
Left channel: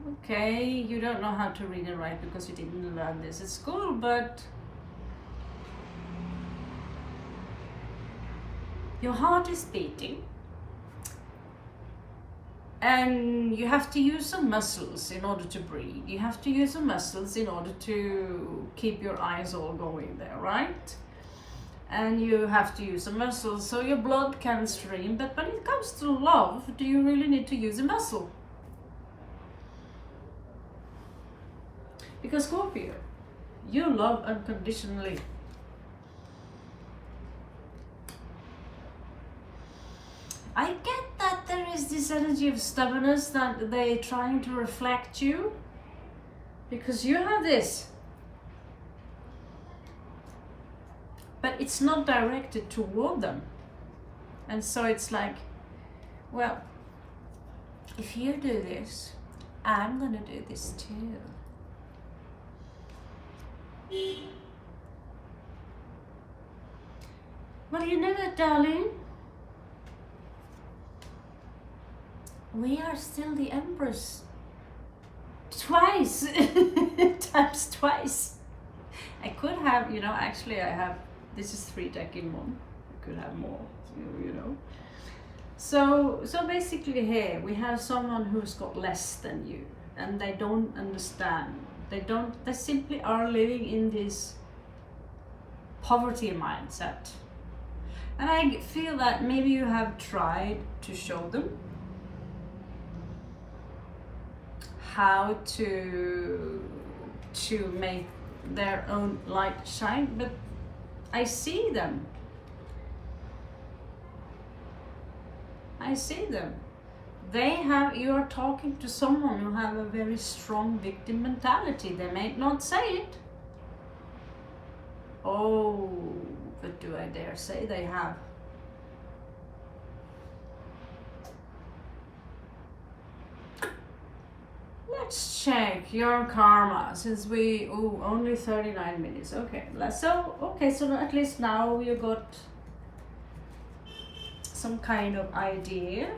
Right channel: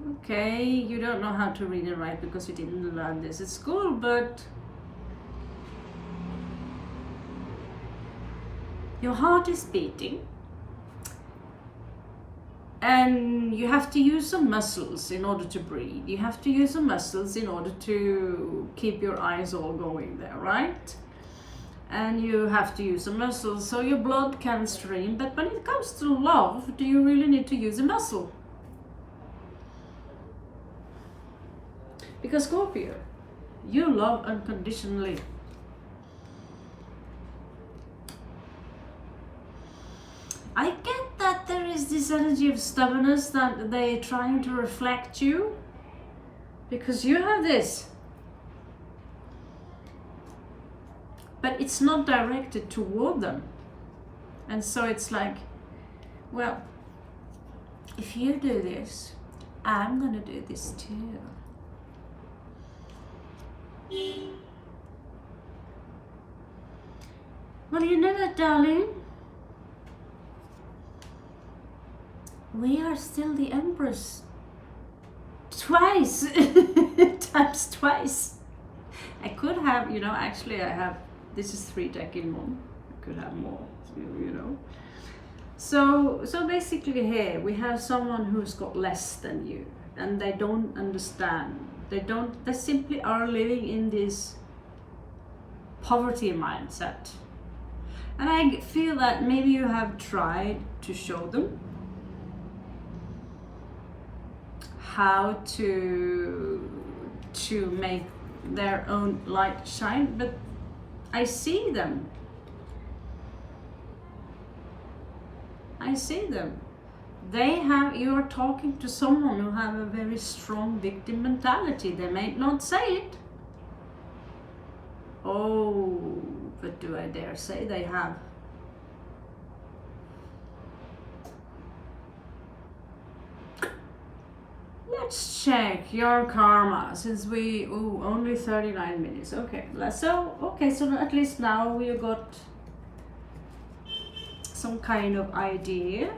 okay, you don't know how to read and write because you didn't learn this at school, but your heart is beating and you have to use some muscles in order to breathe. You have to use some muscles in order to keep your eyes all going there, right? And you have to use some muscles so your blood can stream. But when it comes to love, do you really need to use a muscle? Because Scorpio, you love unconditionally. I get that there is this energy of stubbornness that they're trying to reflect you, because you have this, but it's not directed toward them. And so it's like, well, if you do this, I'm gonna do this too. Well, you know that, darling, we are still the Empress. Twice. Times twice. I could have, you know, actually I have, this is 3 deck in 1. I could have more, you know. So basically here we have someone who's got less than you and they don't understand. They simply are living in this poverty mindset. And I feel that maybe you have tried to show them how to make their own light shine, but I see them. I see them. You are talking to someone who have a very strong victim mentality. They may not say it. Oh, but do I dare say they have? Let's check your karma, since we, only 39 minutes. Okay, so at least now we got some kind of idea.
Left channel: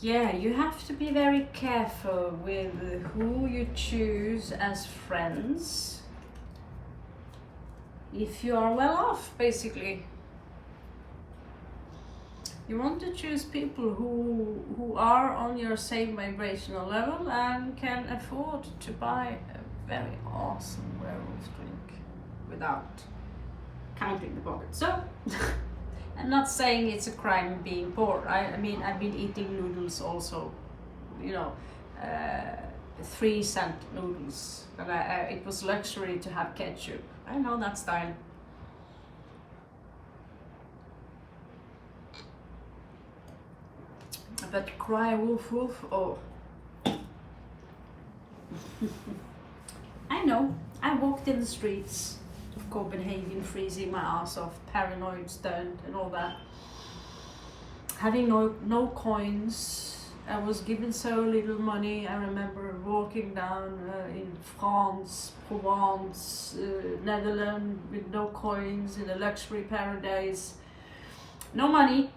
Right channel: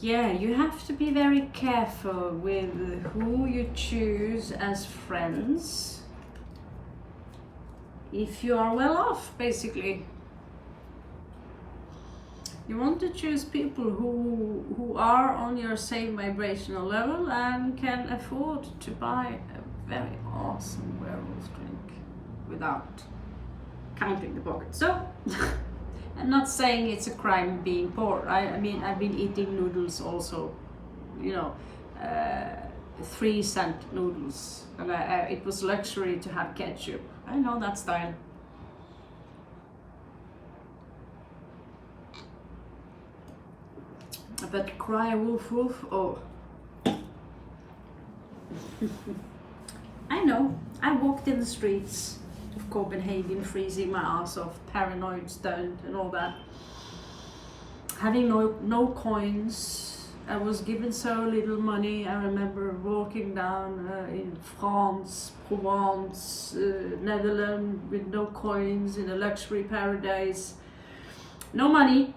Yeah, you have to be very careful with who you choose as friends. If you are well off, basically. You want to choose people who are on your same vibrational level and can afford to buy a very awesome werewolf drink without counting the pocket. So, I'm not saying it's a crime being poor. I mean, I've been eating noodles also, you know, 3-cent noodles, and it was luxury to have ketchup. I know that style. But cry wolf wolf, oh. I know, I walked in the streets of Copenhagen freezing my ass off, paranoid, stoned and all that. Having no coins. I was given so little money. I remember walking down in France, Provence, Netherlands with no coins in a luxury paradise. No money.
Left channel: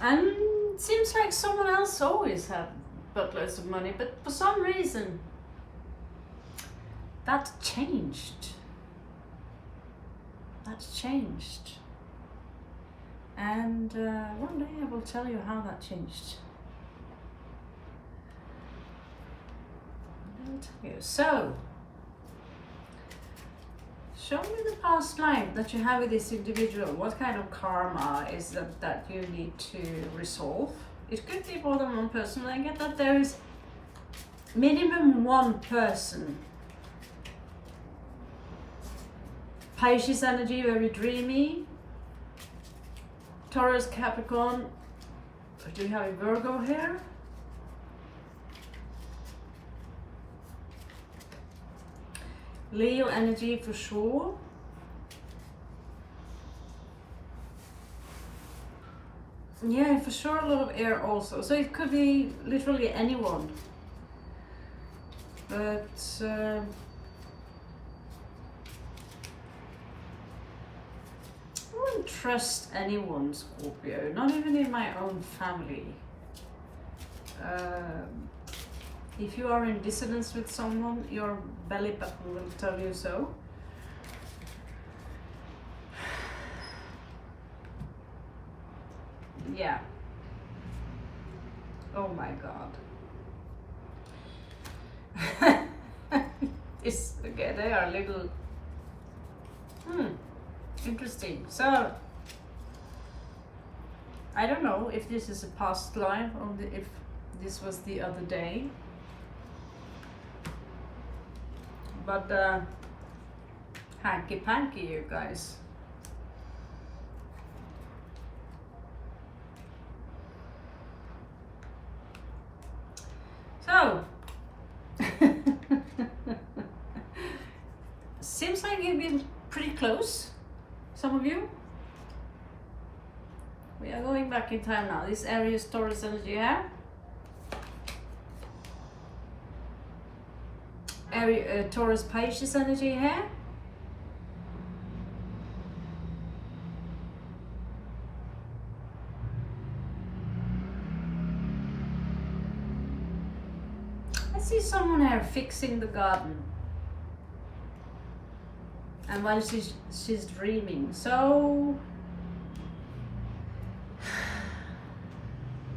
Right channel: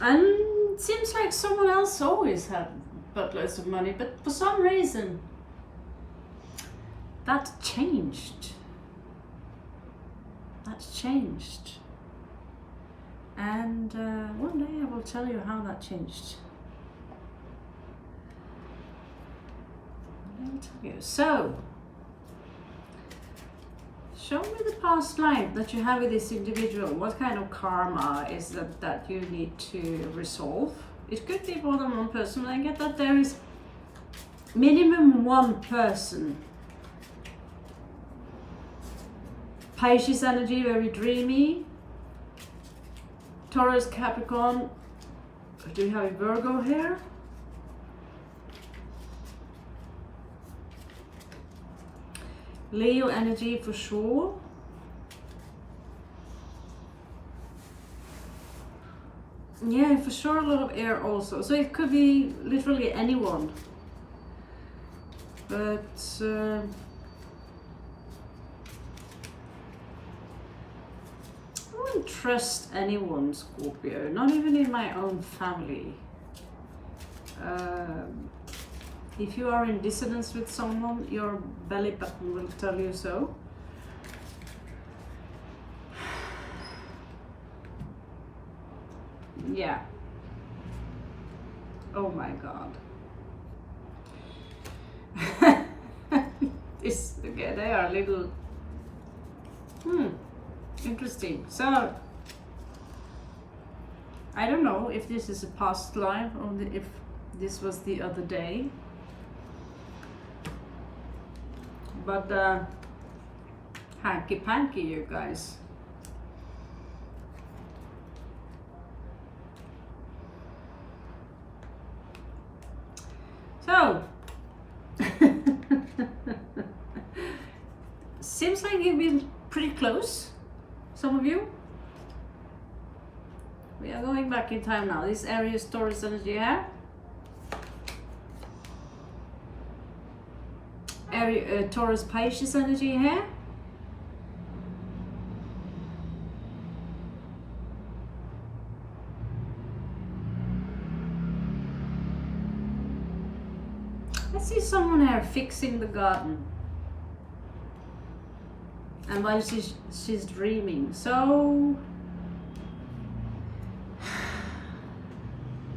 And it seems like someone else always had buttloads of money, but for some reason that changed. That changed. And one day I will tell you how that changed. I will tell you. So, show me the past life that you have with this individual. What kind of karma is that you need to resolve? It could be more than one person. I get that there is minimum one person. Pisces energy, very dreamy. Taurus, Capricorn. Do we have a Virgo here? Leo energy for sure. Yeah, for sure a lot of air also. So it could be literally anyone. But I wouldn't trust anyone, Scorpio, not even in my own family. If you are in dissonance with someone, your belly button will tell you so. Yeah. Oh my God. Okay, they are a little interesting. So I don't know if this is a past life or if this was the other day. But hanky panky, you guys. So seems like you've been pretty close, some of you. We are going back in time now. This area is Taurus energy here. Taurus Pisces energy here. I see someone here fixing the garden, and while she's dreaming. So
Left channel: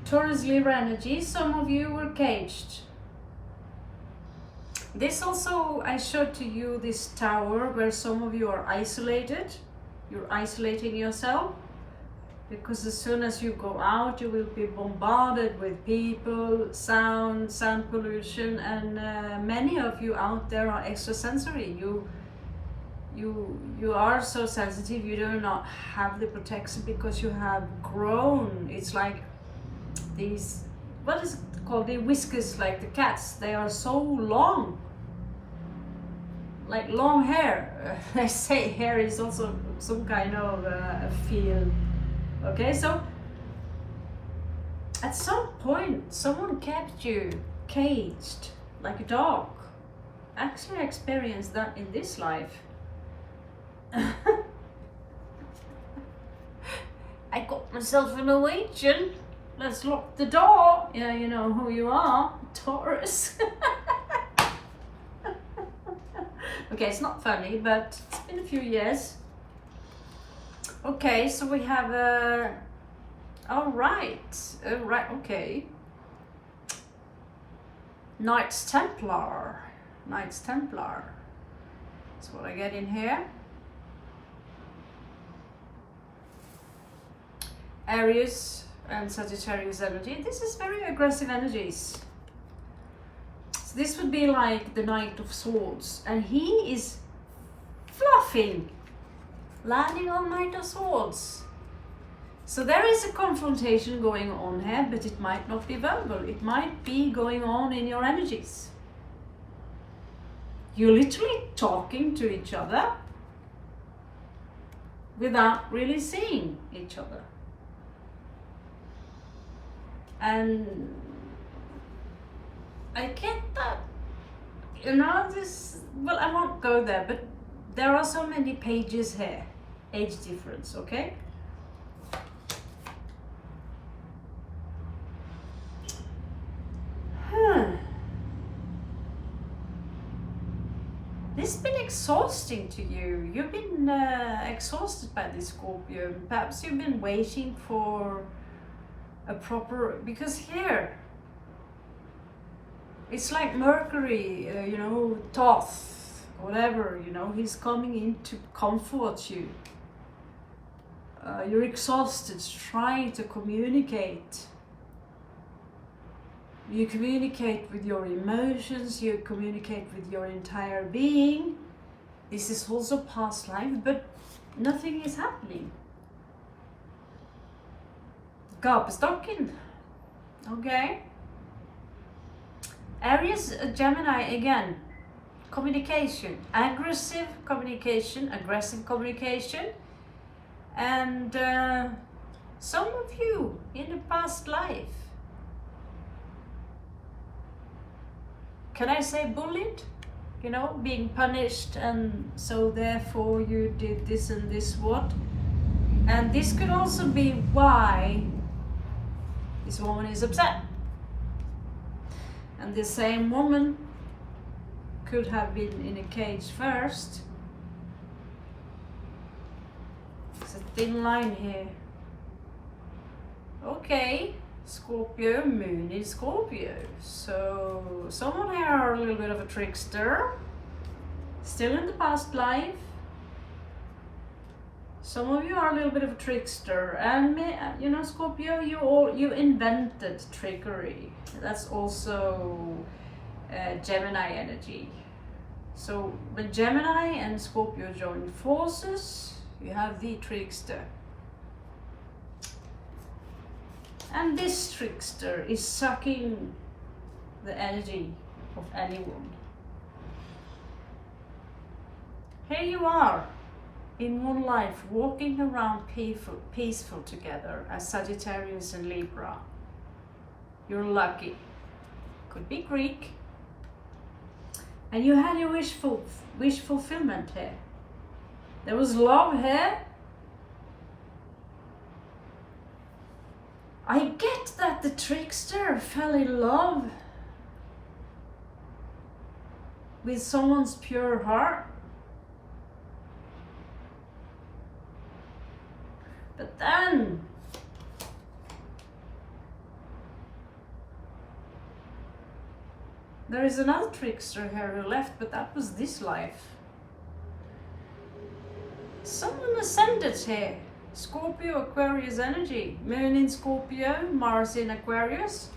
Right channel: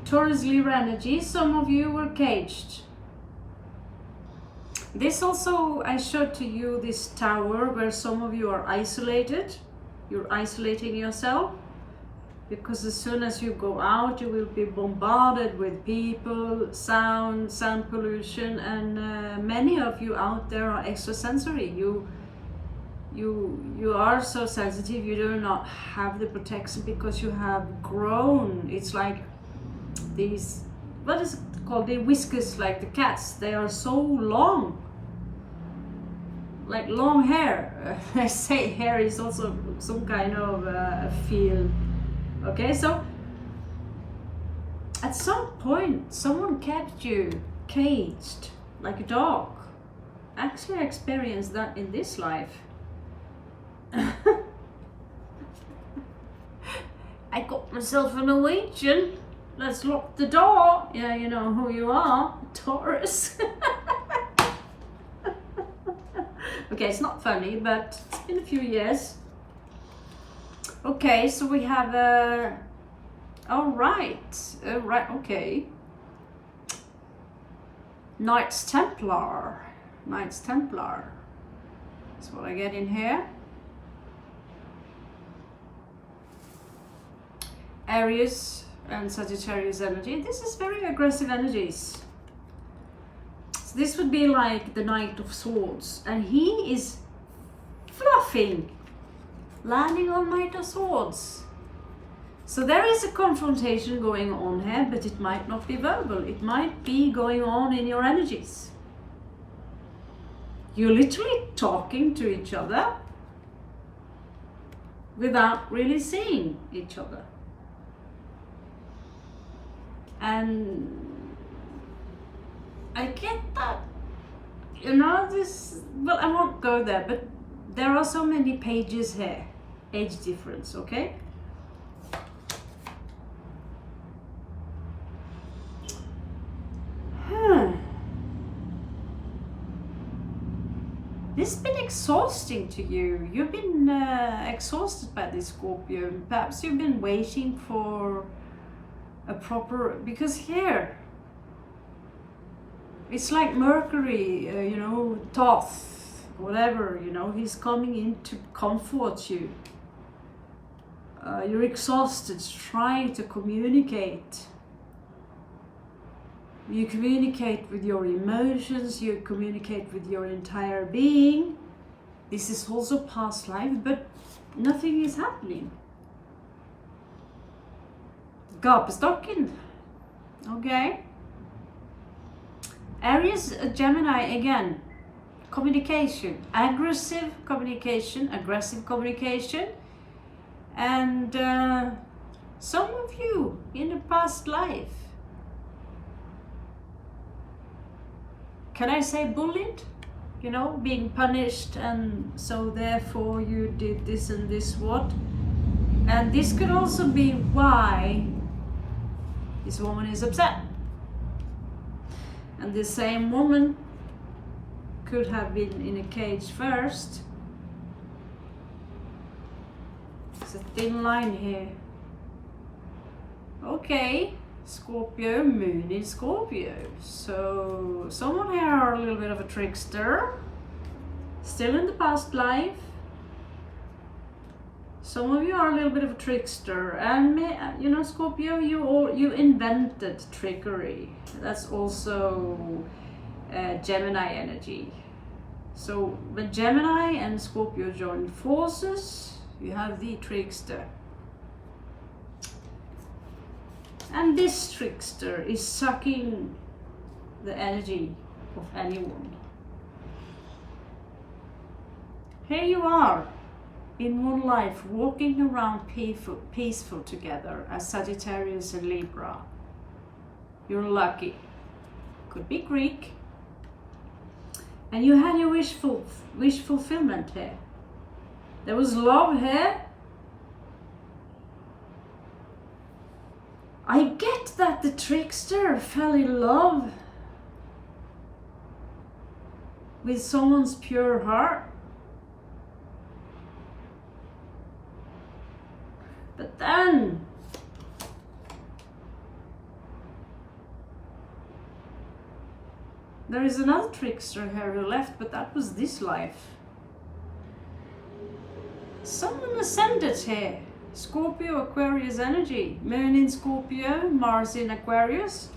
Taurus Libra energy, some of you were caged. This also, I showed to you this tower where some of you are isolated. You're isolating yourself because as soon as you go out, you will be bombarded with people, sound pollution, and many of you out there are extrasensory. You are so sensitive. You do not have the protection because you have grown. It's like these, what is it called? The whiskers, like the cats. They are so long. Like long hair. I say hair is also some kind of a field. Okay, so at some point someone kept you caged like a dog. Actually, I experienced that in this life. I got myself a Norwegian. Let's lock the door. Yeah, you know who you are, Taurus. Okay, it's not funny, but it's been a few years. Okay, so we have all right, okay. Knights Templar. Knights Templar. That's what I get in here. Aries and Sagittarius energy. This is very aggressive energies. So this would be like the Knight of Swords, and he is fluffing, landing on Knight of Swords. So there is a confrontation going on here, but it might not be verbal. It might be going on in your energies. You're literally talking to each other without really seeing each other. And I get that, you know, this, well, I won't go there, but there are so many pages here, age difference, okay? This has been exhausting to you. You've been exhausted by this Scorpio. Perhaps you've been waiting for a proper, because here it's like Mercury, you know, Thoth, whatever, you know, he's coming in to comfort you. You're exhausted, trying to communicate. You communicate with your emotions, you communicate with your entire being. This is also past life, but nothing is happening. Gapestocken. Okay. Aries, Gemini again. Communication. Aggressive communication. And some of you in the past life, can I say bullied? You know, being punished, and so therefore you did this and this what? And this could also be why this woman is upset. And the same woman could have been in a cage first. It's a thin line here. Okay. Scorpio, moon in Scorpio. So someone here are a little bit of a trickster, still in the past life. Some of you are a little bit of a trickster, and you know, Scorpio, you invented trickery. That's also Gemini energy. So when Gemini and Scorpio join forces, you have the trickster. And this trickster is sucking the energy of anyone. Here you are, in one life, walking around peaceful together as Sagittarius and Libra. You're lucky. Could be Greek. And you had your wish fulfillment here. There was love here. I get that the trickster fell in love with someone's pure heart. But then there is another trickster here who left, but that was this life. Someone ascended here. Scorpio, Aquarius energy. Moon in Scorpio, Mars in Aquarius.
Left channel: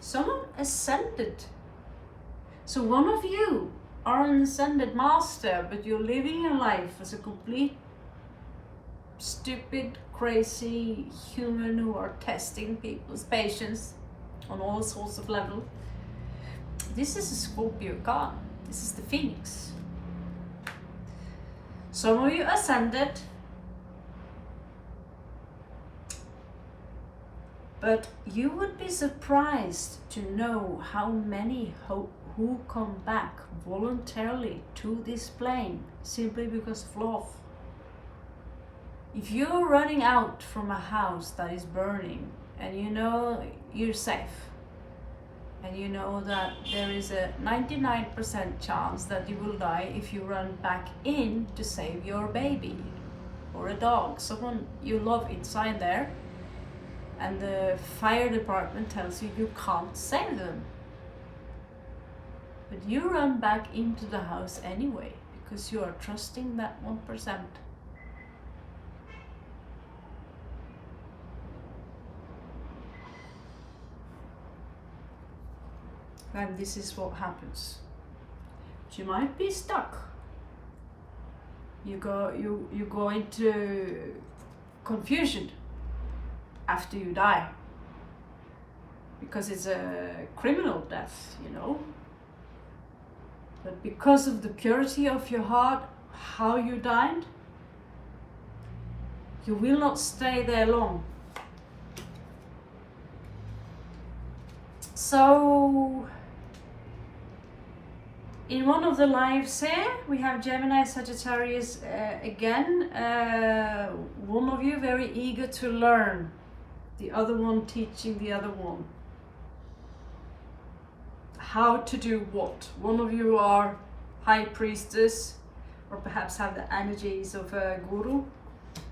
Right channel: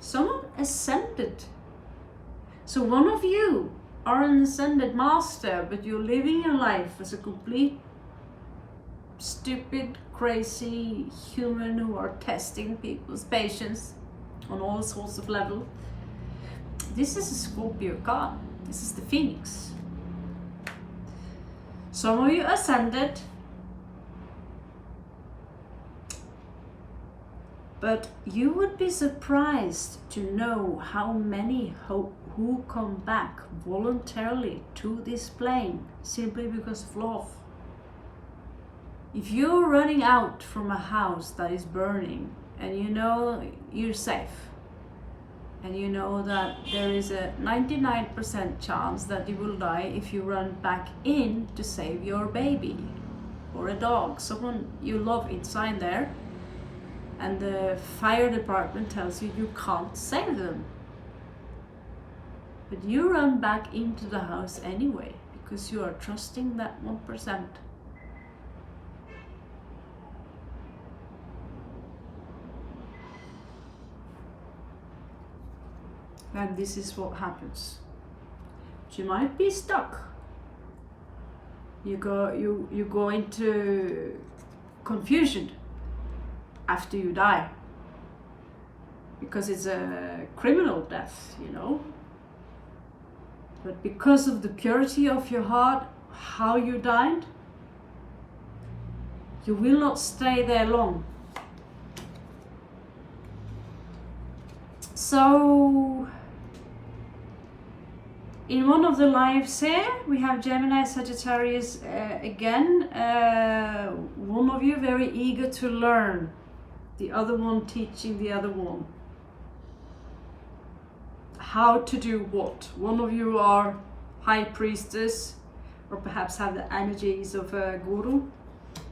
Someone ascended. So one of you are an ascended master, but you're living your life as a complete stupid, crazy human who are testing people's patience on all sorts of levels. This is a Scorpio card. This is the Phoenix. Some of you ascended, but you would be surprised to know how many who come back voluntarily to this plane simply because of love. If you're running out from a house that is burning and you know you're safe, and you know that there is a 99% chance that you will die if you run back in to save your baby or a dog, someone you love inside there, and the fire department tells you you can't save them. But you run back into the house anyway, because you are trusting that 1%. And this is what happens. You might be stuck. You go into confusion after you die, because it's a criminal death, you know. But because of the purity of your heart, how you died, you will not stay there long. So in one of the lives here, we have Gemini, Sagittarius again. One of you very eager to learn, the other one teaching the other one how to do what. One of you are high priestess, or perhaps have the energies of a guru.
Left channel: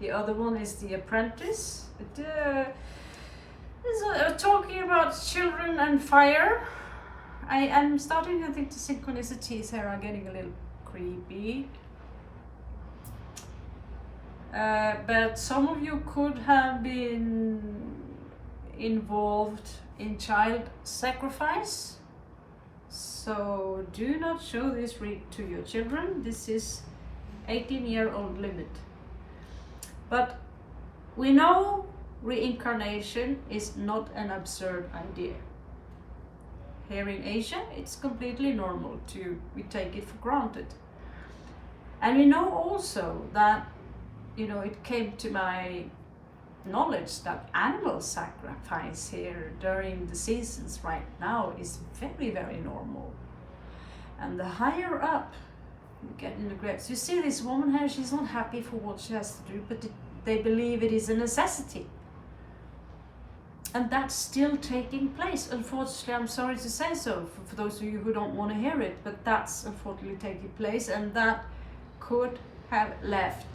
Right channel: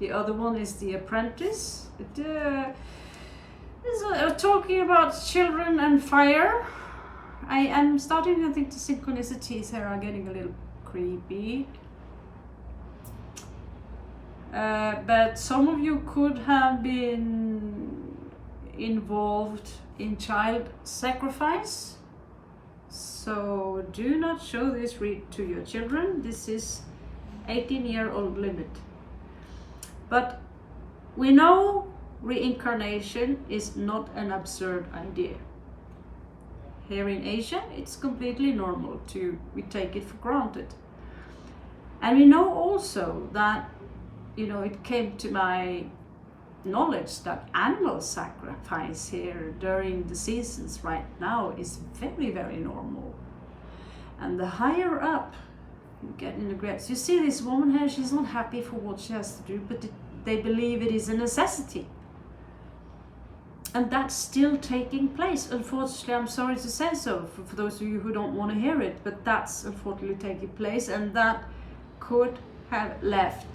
The other one is the apprentice. Talking about children and fire. I am starting to think the synchronicities here are getting a little creepy. But some of you could have been involved in child sacrifice. So do not show this read to your children. This is 18-year-old limit. But we know reincarnation is not an absurd idea. Here in Asia, it's completely normal we take it for granted. And we know also that, you know, it came to my knowledge that animal sacrifice here during the seasons right now is very, very normal. And the higher up you get in the grades, you see this woman here, she's not happy for what she has to do, but they believe it is a necessity. And that's still taking place. Unfortunately, I'm sorry to say so for those of you who don't want to hear it, but that's unfortunately taking place, and that could have left.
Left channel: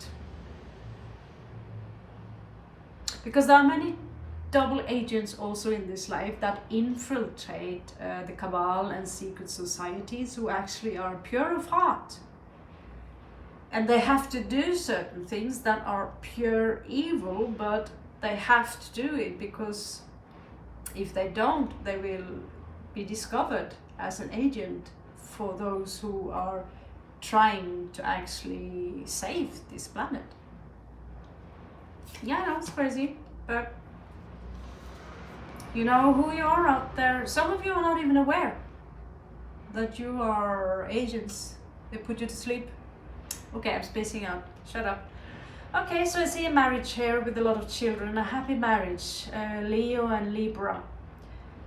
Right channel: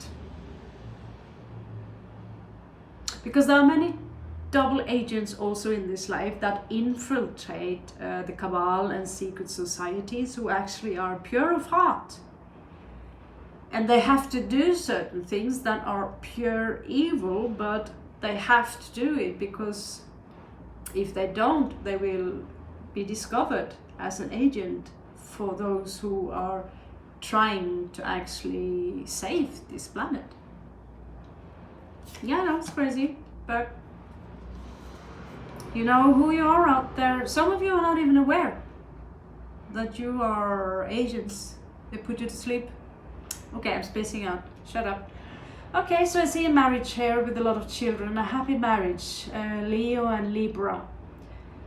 Because there are many double agents also in this life that infiltrate the cabal and secret societies, who actually are pure of heart. And they have to do certain things that are pure evil, but they have to do it because if they don't, they will be discovered as an agent for those who are trying to actually save this planet. Yeah, that's crazy, but you know who you are out there. Some of you are not even aware that you are agents. They put you to sleep. Okay, I'm spacing out. Shut up. Okay, so I see a marriage here with a lot of children, a happy marriage, Leo and Libra.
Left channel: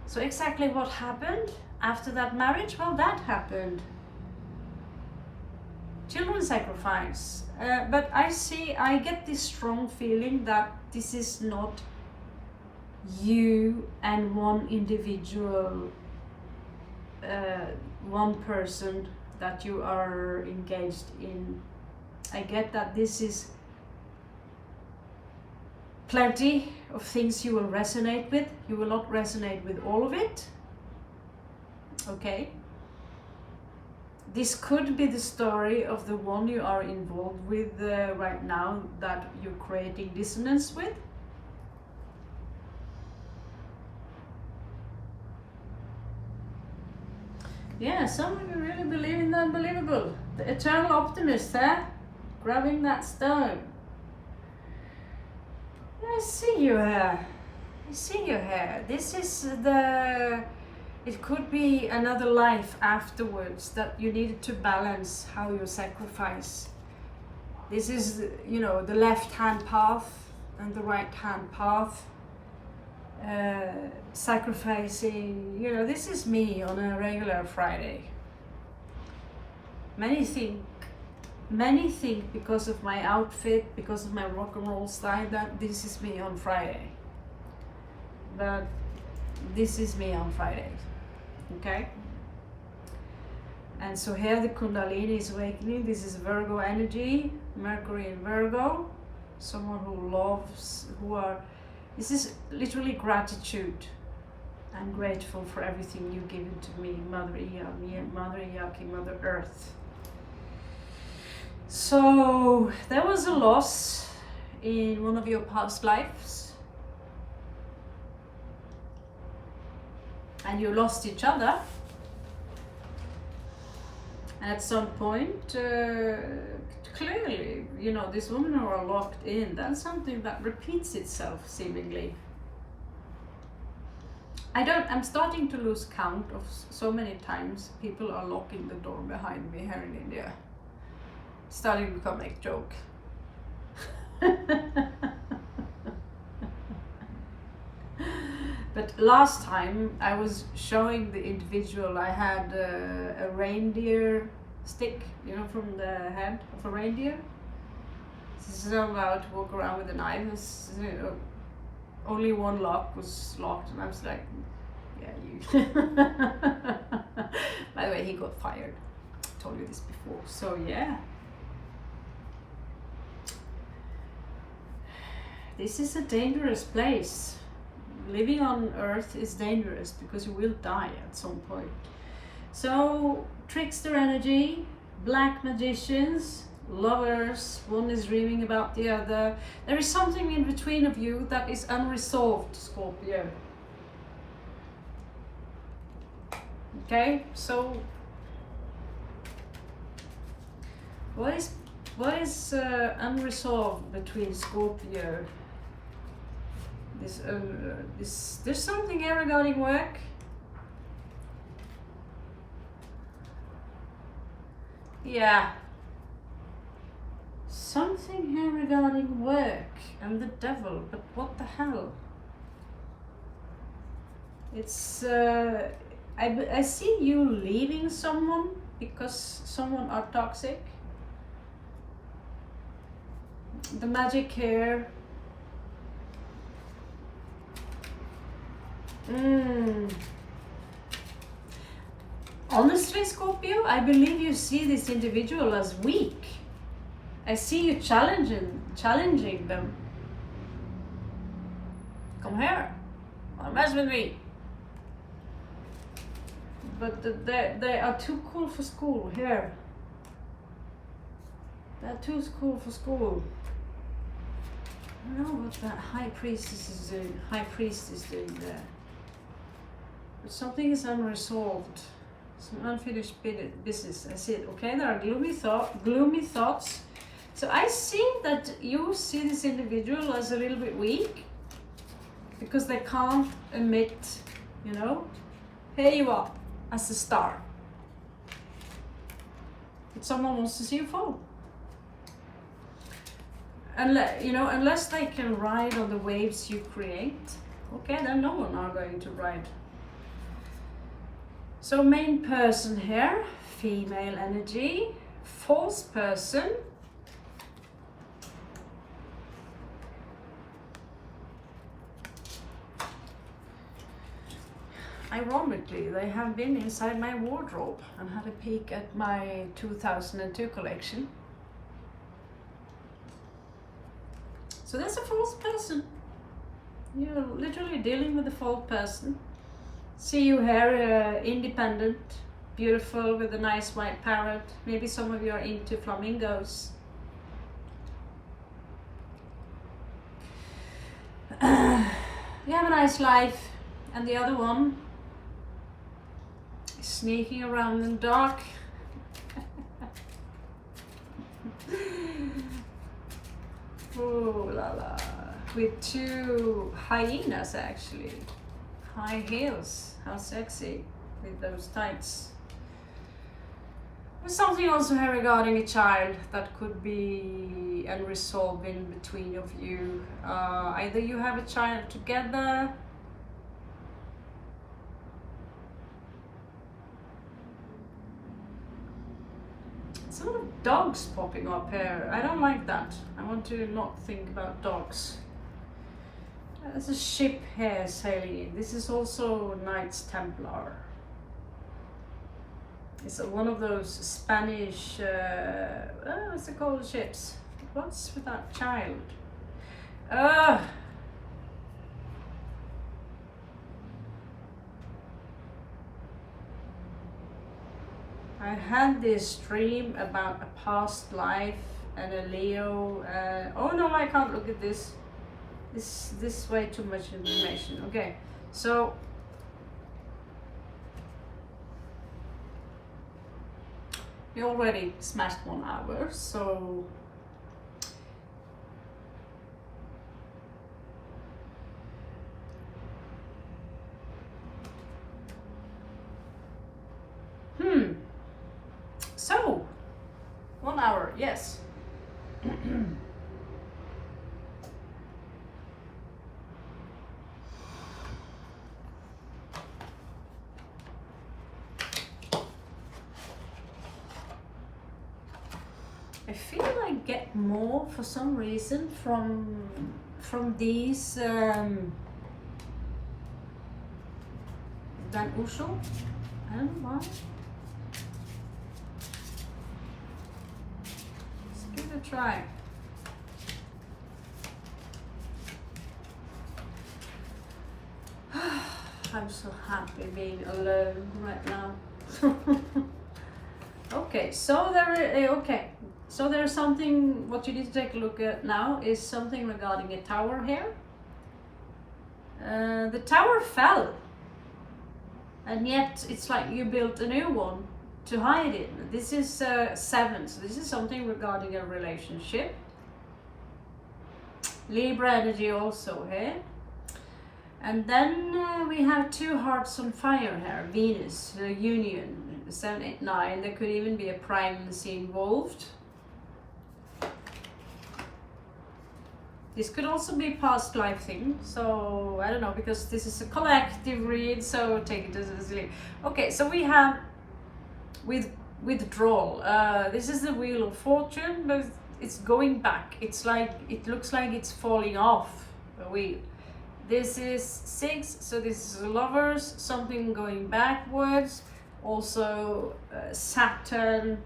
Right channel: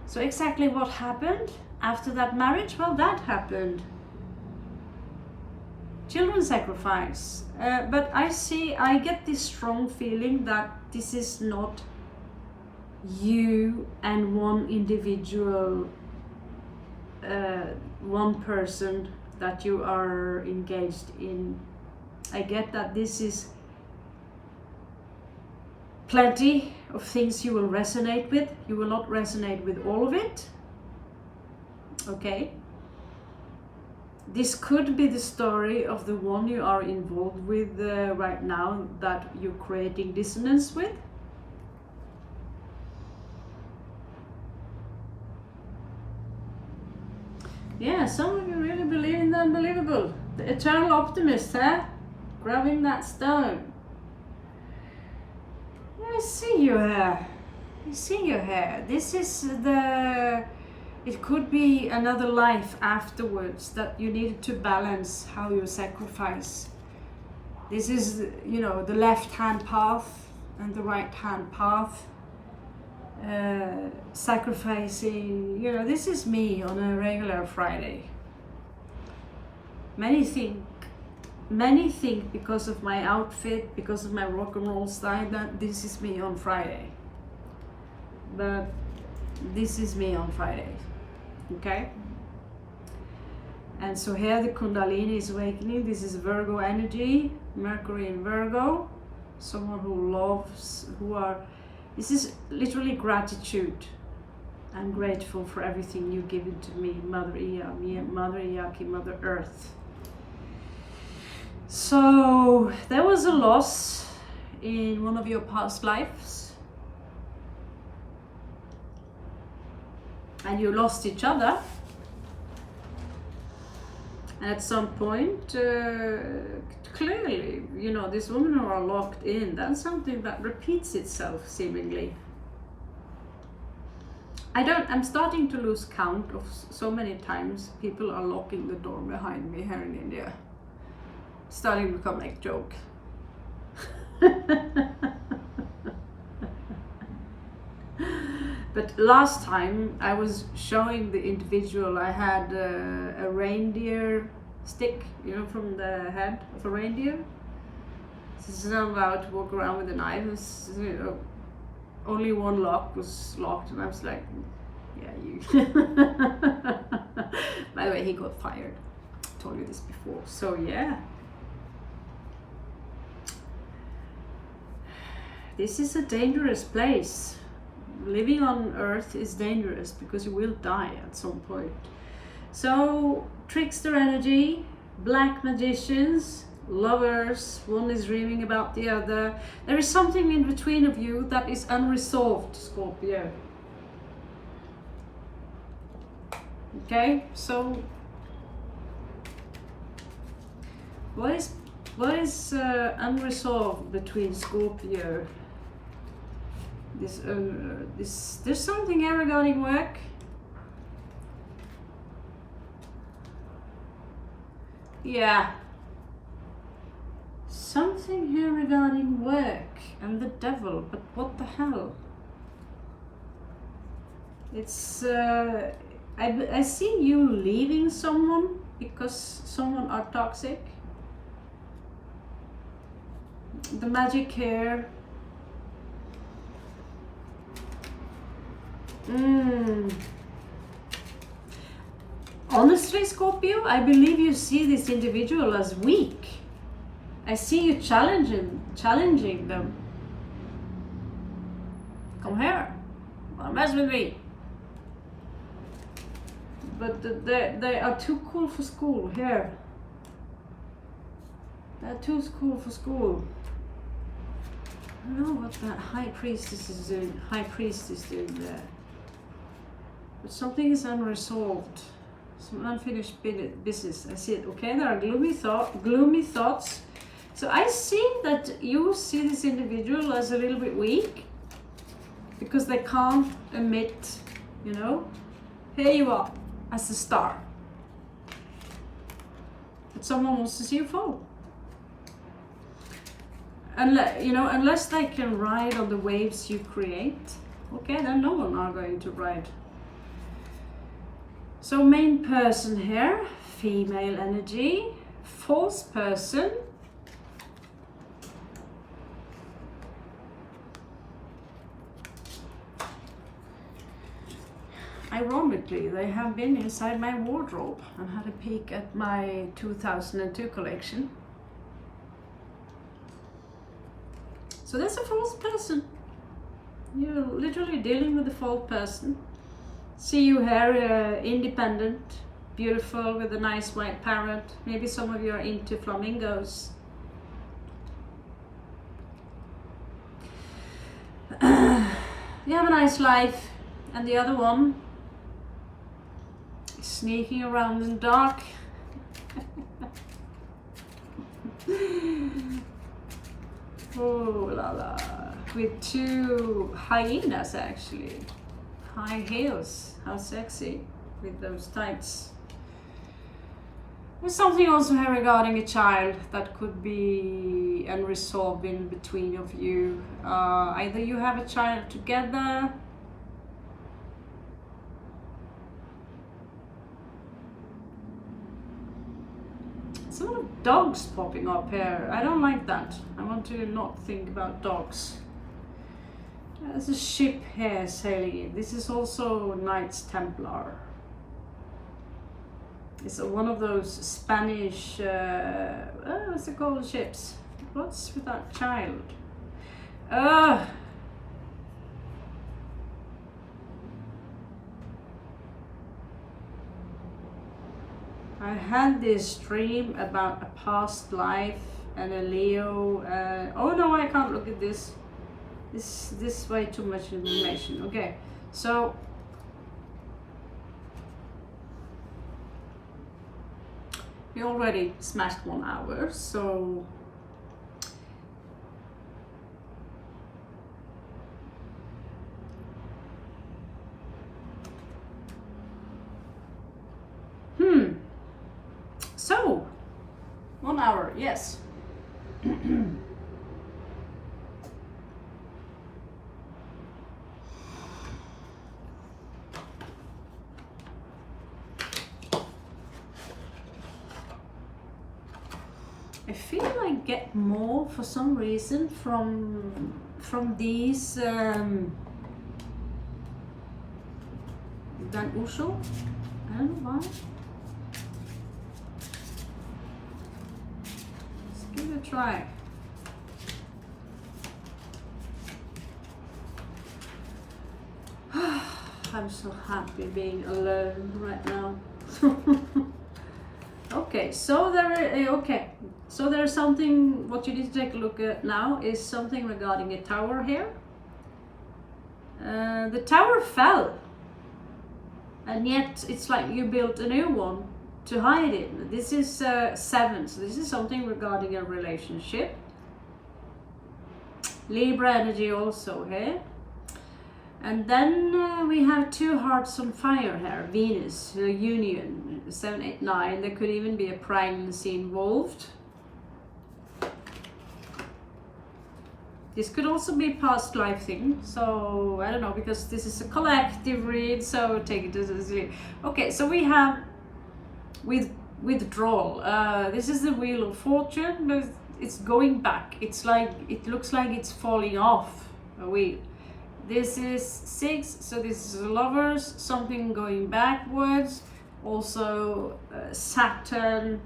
So exactly what happened after that marriage? Well, that happened. Children sacrifice. But I get this strong feeling that this is not you and one individual, one person that you are engaged in. I get that this is plenty of things you will resonate with. You will not resonate with all of it. Okay. This could be the story of the one you are involved with right now that you're creating dissonance with. Yeah, some of you really believe in the unbelievable. The eternal optimist, huh? Grabbing that stone. I see you here. I see you here. This is it could be another life afterwards that you needed to balance how you sacrifice. This is, you know, the left-hand path and the right-hand path. Sacrificing, you know, this is me on a regular Friday. Many think because of my outfit, because of my rock and roll style, that this is me on Friday. But this is me on Friday. Okay? And so here the Kundalini is awakening. This is Virgo energy, Mercury in Virgo. someone who loves, this is literally gratitude. I'm grateful for everything you've given to me, Mother Ea, Mother Iyaki, Mother Earth. So there was a loss in one of your past lives, and you lost each other. At some point, clearly, you know, these women who are locked in, that's something that repeats itself seemingly. I'm starting to lose count of so many times people are locking the door behind me here in India. Starting to become like a joke. But last time I was showing the individual, I had a reindeer stick, you know, from the head of a reindeer. This is allowed to walk around with a knife. You know, only one lock was locked, and I was like, yeah, you. By the way, he got fired. I told you this before. So yeah. This is a dangerous place. Living on Earth is dangerous because you will die at some point. So, trickster energy, black magicians, lovers, one is dreaming about the other. There is something in between of you that is unresolved, Scorpio. Okay, so what is unresolved between Scorpio? There's something here regarding work. Yeah. Something here regarding work and the devil, but what the hell? It's, I see you leaving someone because someone are toxic. The magic here. Honestly, Scorpio, I believe you see this individual as weak. I see you challenging them. Come here, wanna mess with me? But they are too cool for school here. They're too cool for school. I don't know what that high priestess is doing. High priest is doing there. But something is unresolved. Some unfinished business. I see it. Okay, there are gloomy thoughts. So I see that you see this individual as a little bit weak because they can't emit, you know, here you are as a star. But someone wants to see you fall. Unless they can ride on the waves you create, okay, then no one are going to ride. So main person here, female energy, false person. Ironically, they have been inside my wardrobe and had a peek at my 2002 collection. So that's a false person. You're literally dealing with a false person. See you here, independent, beautiful, with a nice white parrot. Maybe some of you are into flamingos. You have a nice life, and the other one is sneaking around in the dark. Oh la la, with two hyenas actually, high heels, how sexy with those tights. There's something also here regarding a child that could be unresolved in between of you. Either you have a child together, some of dogs popping up here. I don't like that. I want to not think about dogs. There's a ship here sailing in. This is also Knights Templar. It's one of those Spanish, what's it called, ships? What's with that child? I had this dream about a past life and a Leo. Oh no, I can't look at this. This is way too much information. Okay, so we already smashed 1 hour, so so 1 hour, yes. I feel I get more for some reason from these than usual. I don't know why. Let's give it a try. I'm so happy being alone right now. Okay, so so there's something. What you need to take a look at now is something regarding a tower here. The tower fell, and yet it's like you built a new one to hide it. This is 7, so this is something regarding a relationship. Libra energy also here. And then we have 2 hearts on fire here, Venus, union, 7, 8, 9. There could even be a pregnancy involved. This could also be a past life thing, so I don't know, because this is a collective read, so take it as a... Okay, so we have withdrawal. This is the Wheel of Fortune, but it's going back. It's like, it looks like it's falling off a wheel. This is 6, so this is Lovers, something going backwards. Also Saturn,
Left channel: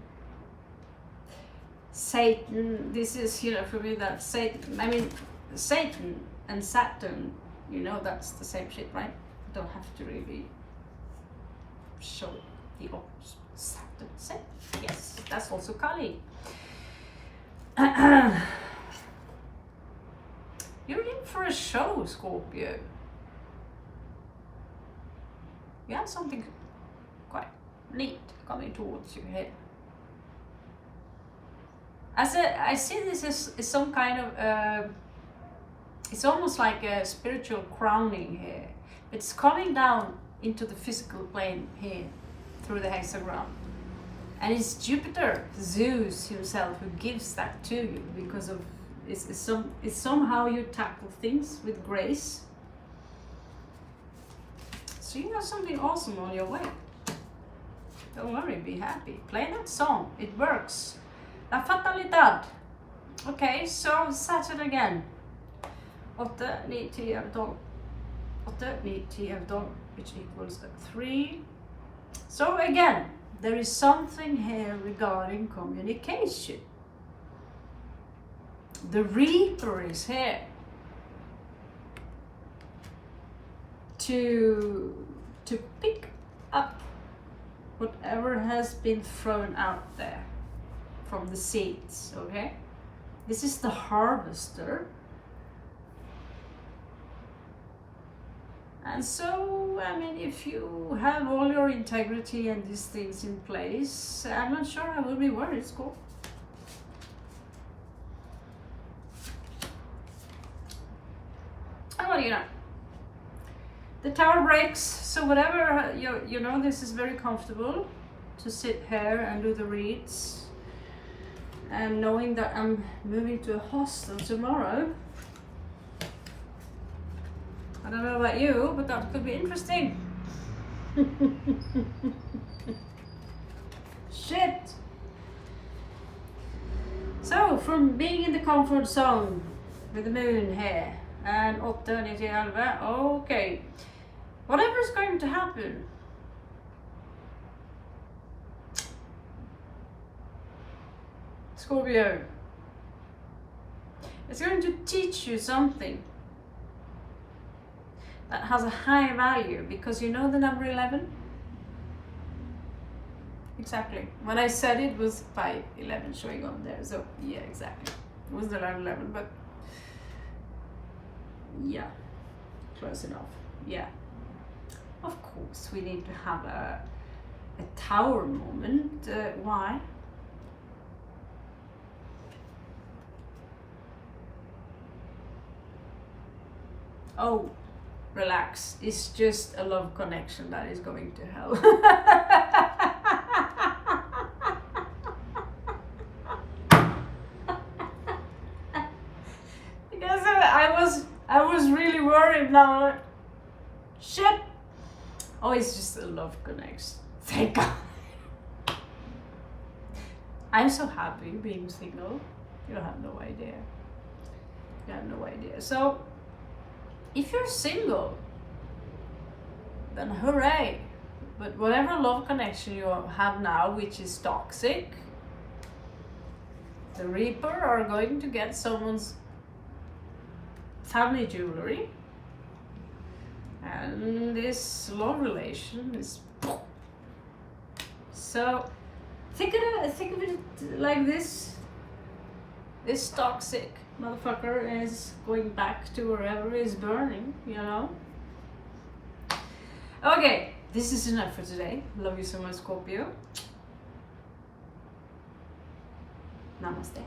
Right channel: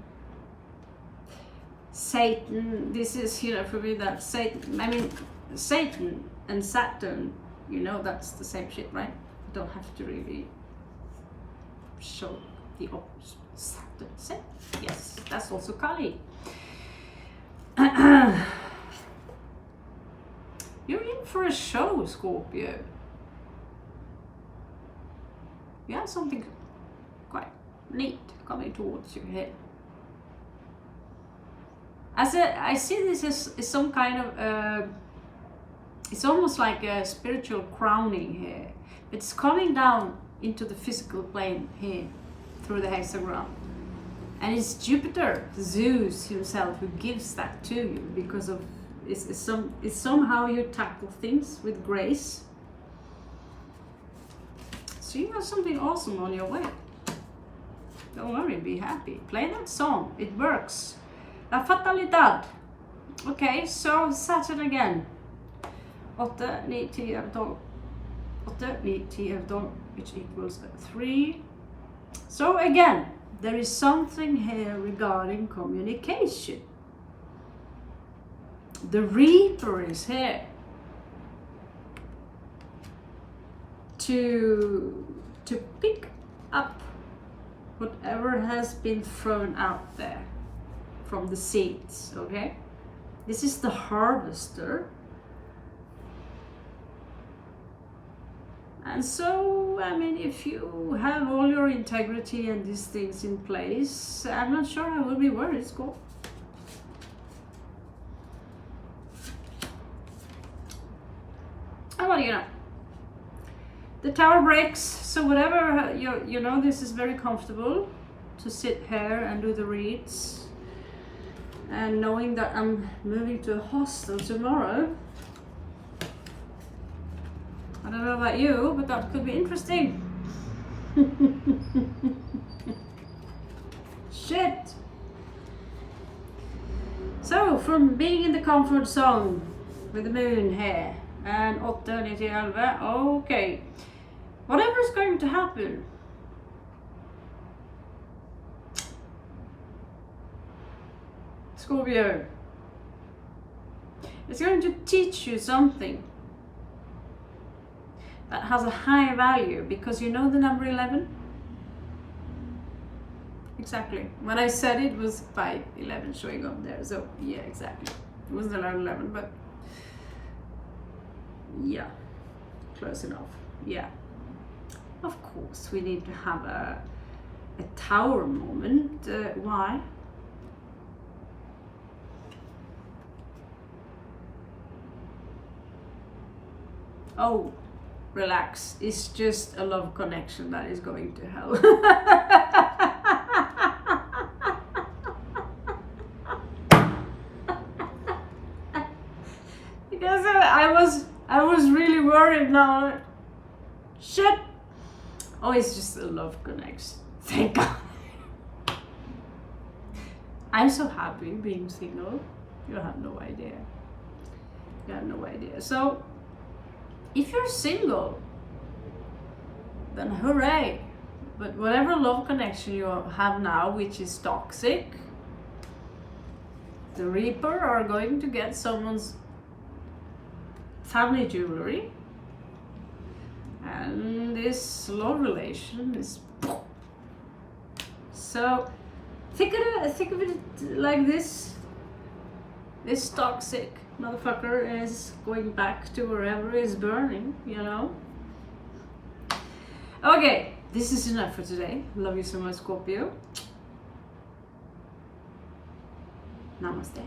Satan. This is, you know, for me that Satan, I mean Satan and Saturn, you know, that's the same shit, right? You don't have to really show the opposite. Saturn, yes, that's also Kali. You're in for a show, Scorpio. Yeah, something quite neat coming towards you here. I see this as some kind of, it's almost like a spiritual crowning here. It's coming down into the physical plane here through the hexagram. And it's Jupiter, Zeus himself, who gives that to you because of it's somehow you tackle things with grace. So you have something awesome on your way. Don't worry, be happy. Play that song, it works. La Fatalidad. Okay, so Saturn again. 8, 9, 10, 12. 8, 9, 10, 12, which equals 3. So again, there is something here regarding communication. The Reaper is here to pick up whatever has been thrown out there from the seeds, okay? This is the Harvester. And so, I mean, if you have all your integrity and these things in place, I'm not sure I will be worried. It's cool. Well, you know, the tower breaks, so whatever, you know, this is very comfortable to sit here and do the reads. And knowing that I'm moving to a hostel tomorrow, I don't know about you, but that could be interesting. Shit. So, from being in the comfort zone with the moon here, and 8, 9, 10, 11, okay. Whatever is going to happen, Scorpio, It's going to teach you something that has a high value, because you know the number 11? Exactly. When I said it was 511 showing up there, so yeah, exactly. It was the 11, but yeah, close enough. Yeah. Of course, we need to have a tower moment. Why? Oh, relax. It's just a love connection that is going to hell. Because I was really worried now. Shit. Oh, it's just a love connection. Thank God. I'm so happy being single. You have no idea. You have no idea. So, if you're single, then hooray. But whatever love connection you have now, which is toxic, the Reaper are going to get someone's family jewelry. And this love relation is... So, think of it like this. This toxic motherfucker is going back to wherever is burning, you know? Okay, this is enough for today. Love you so much, Scorpio. Namaste.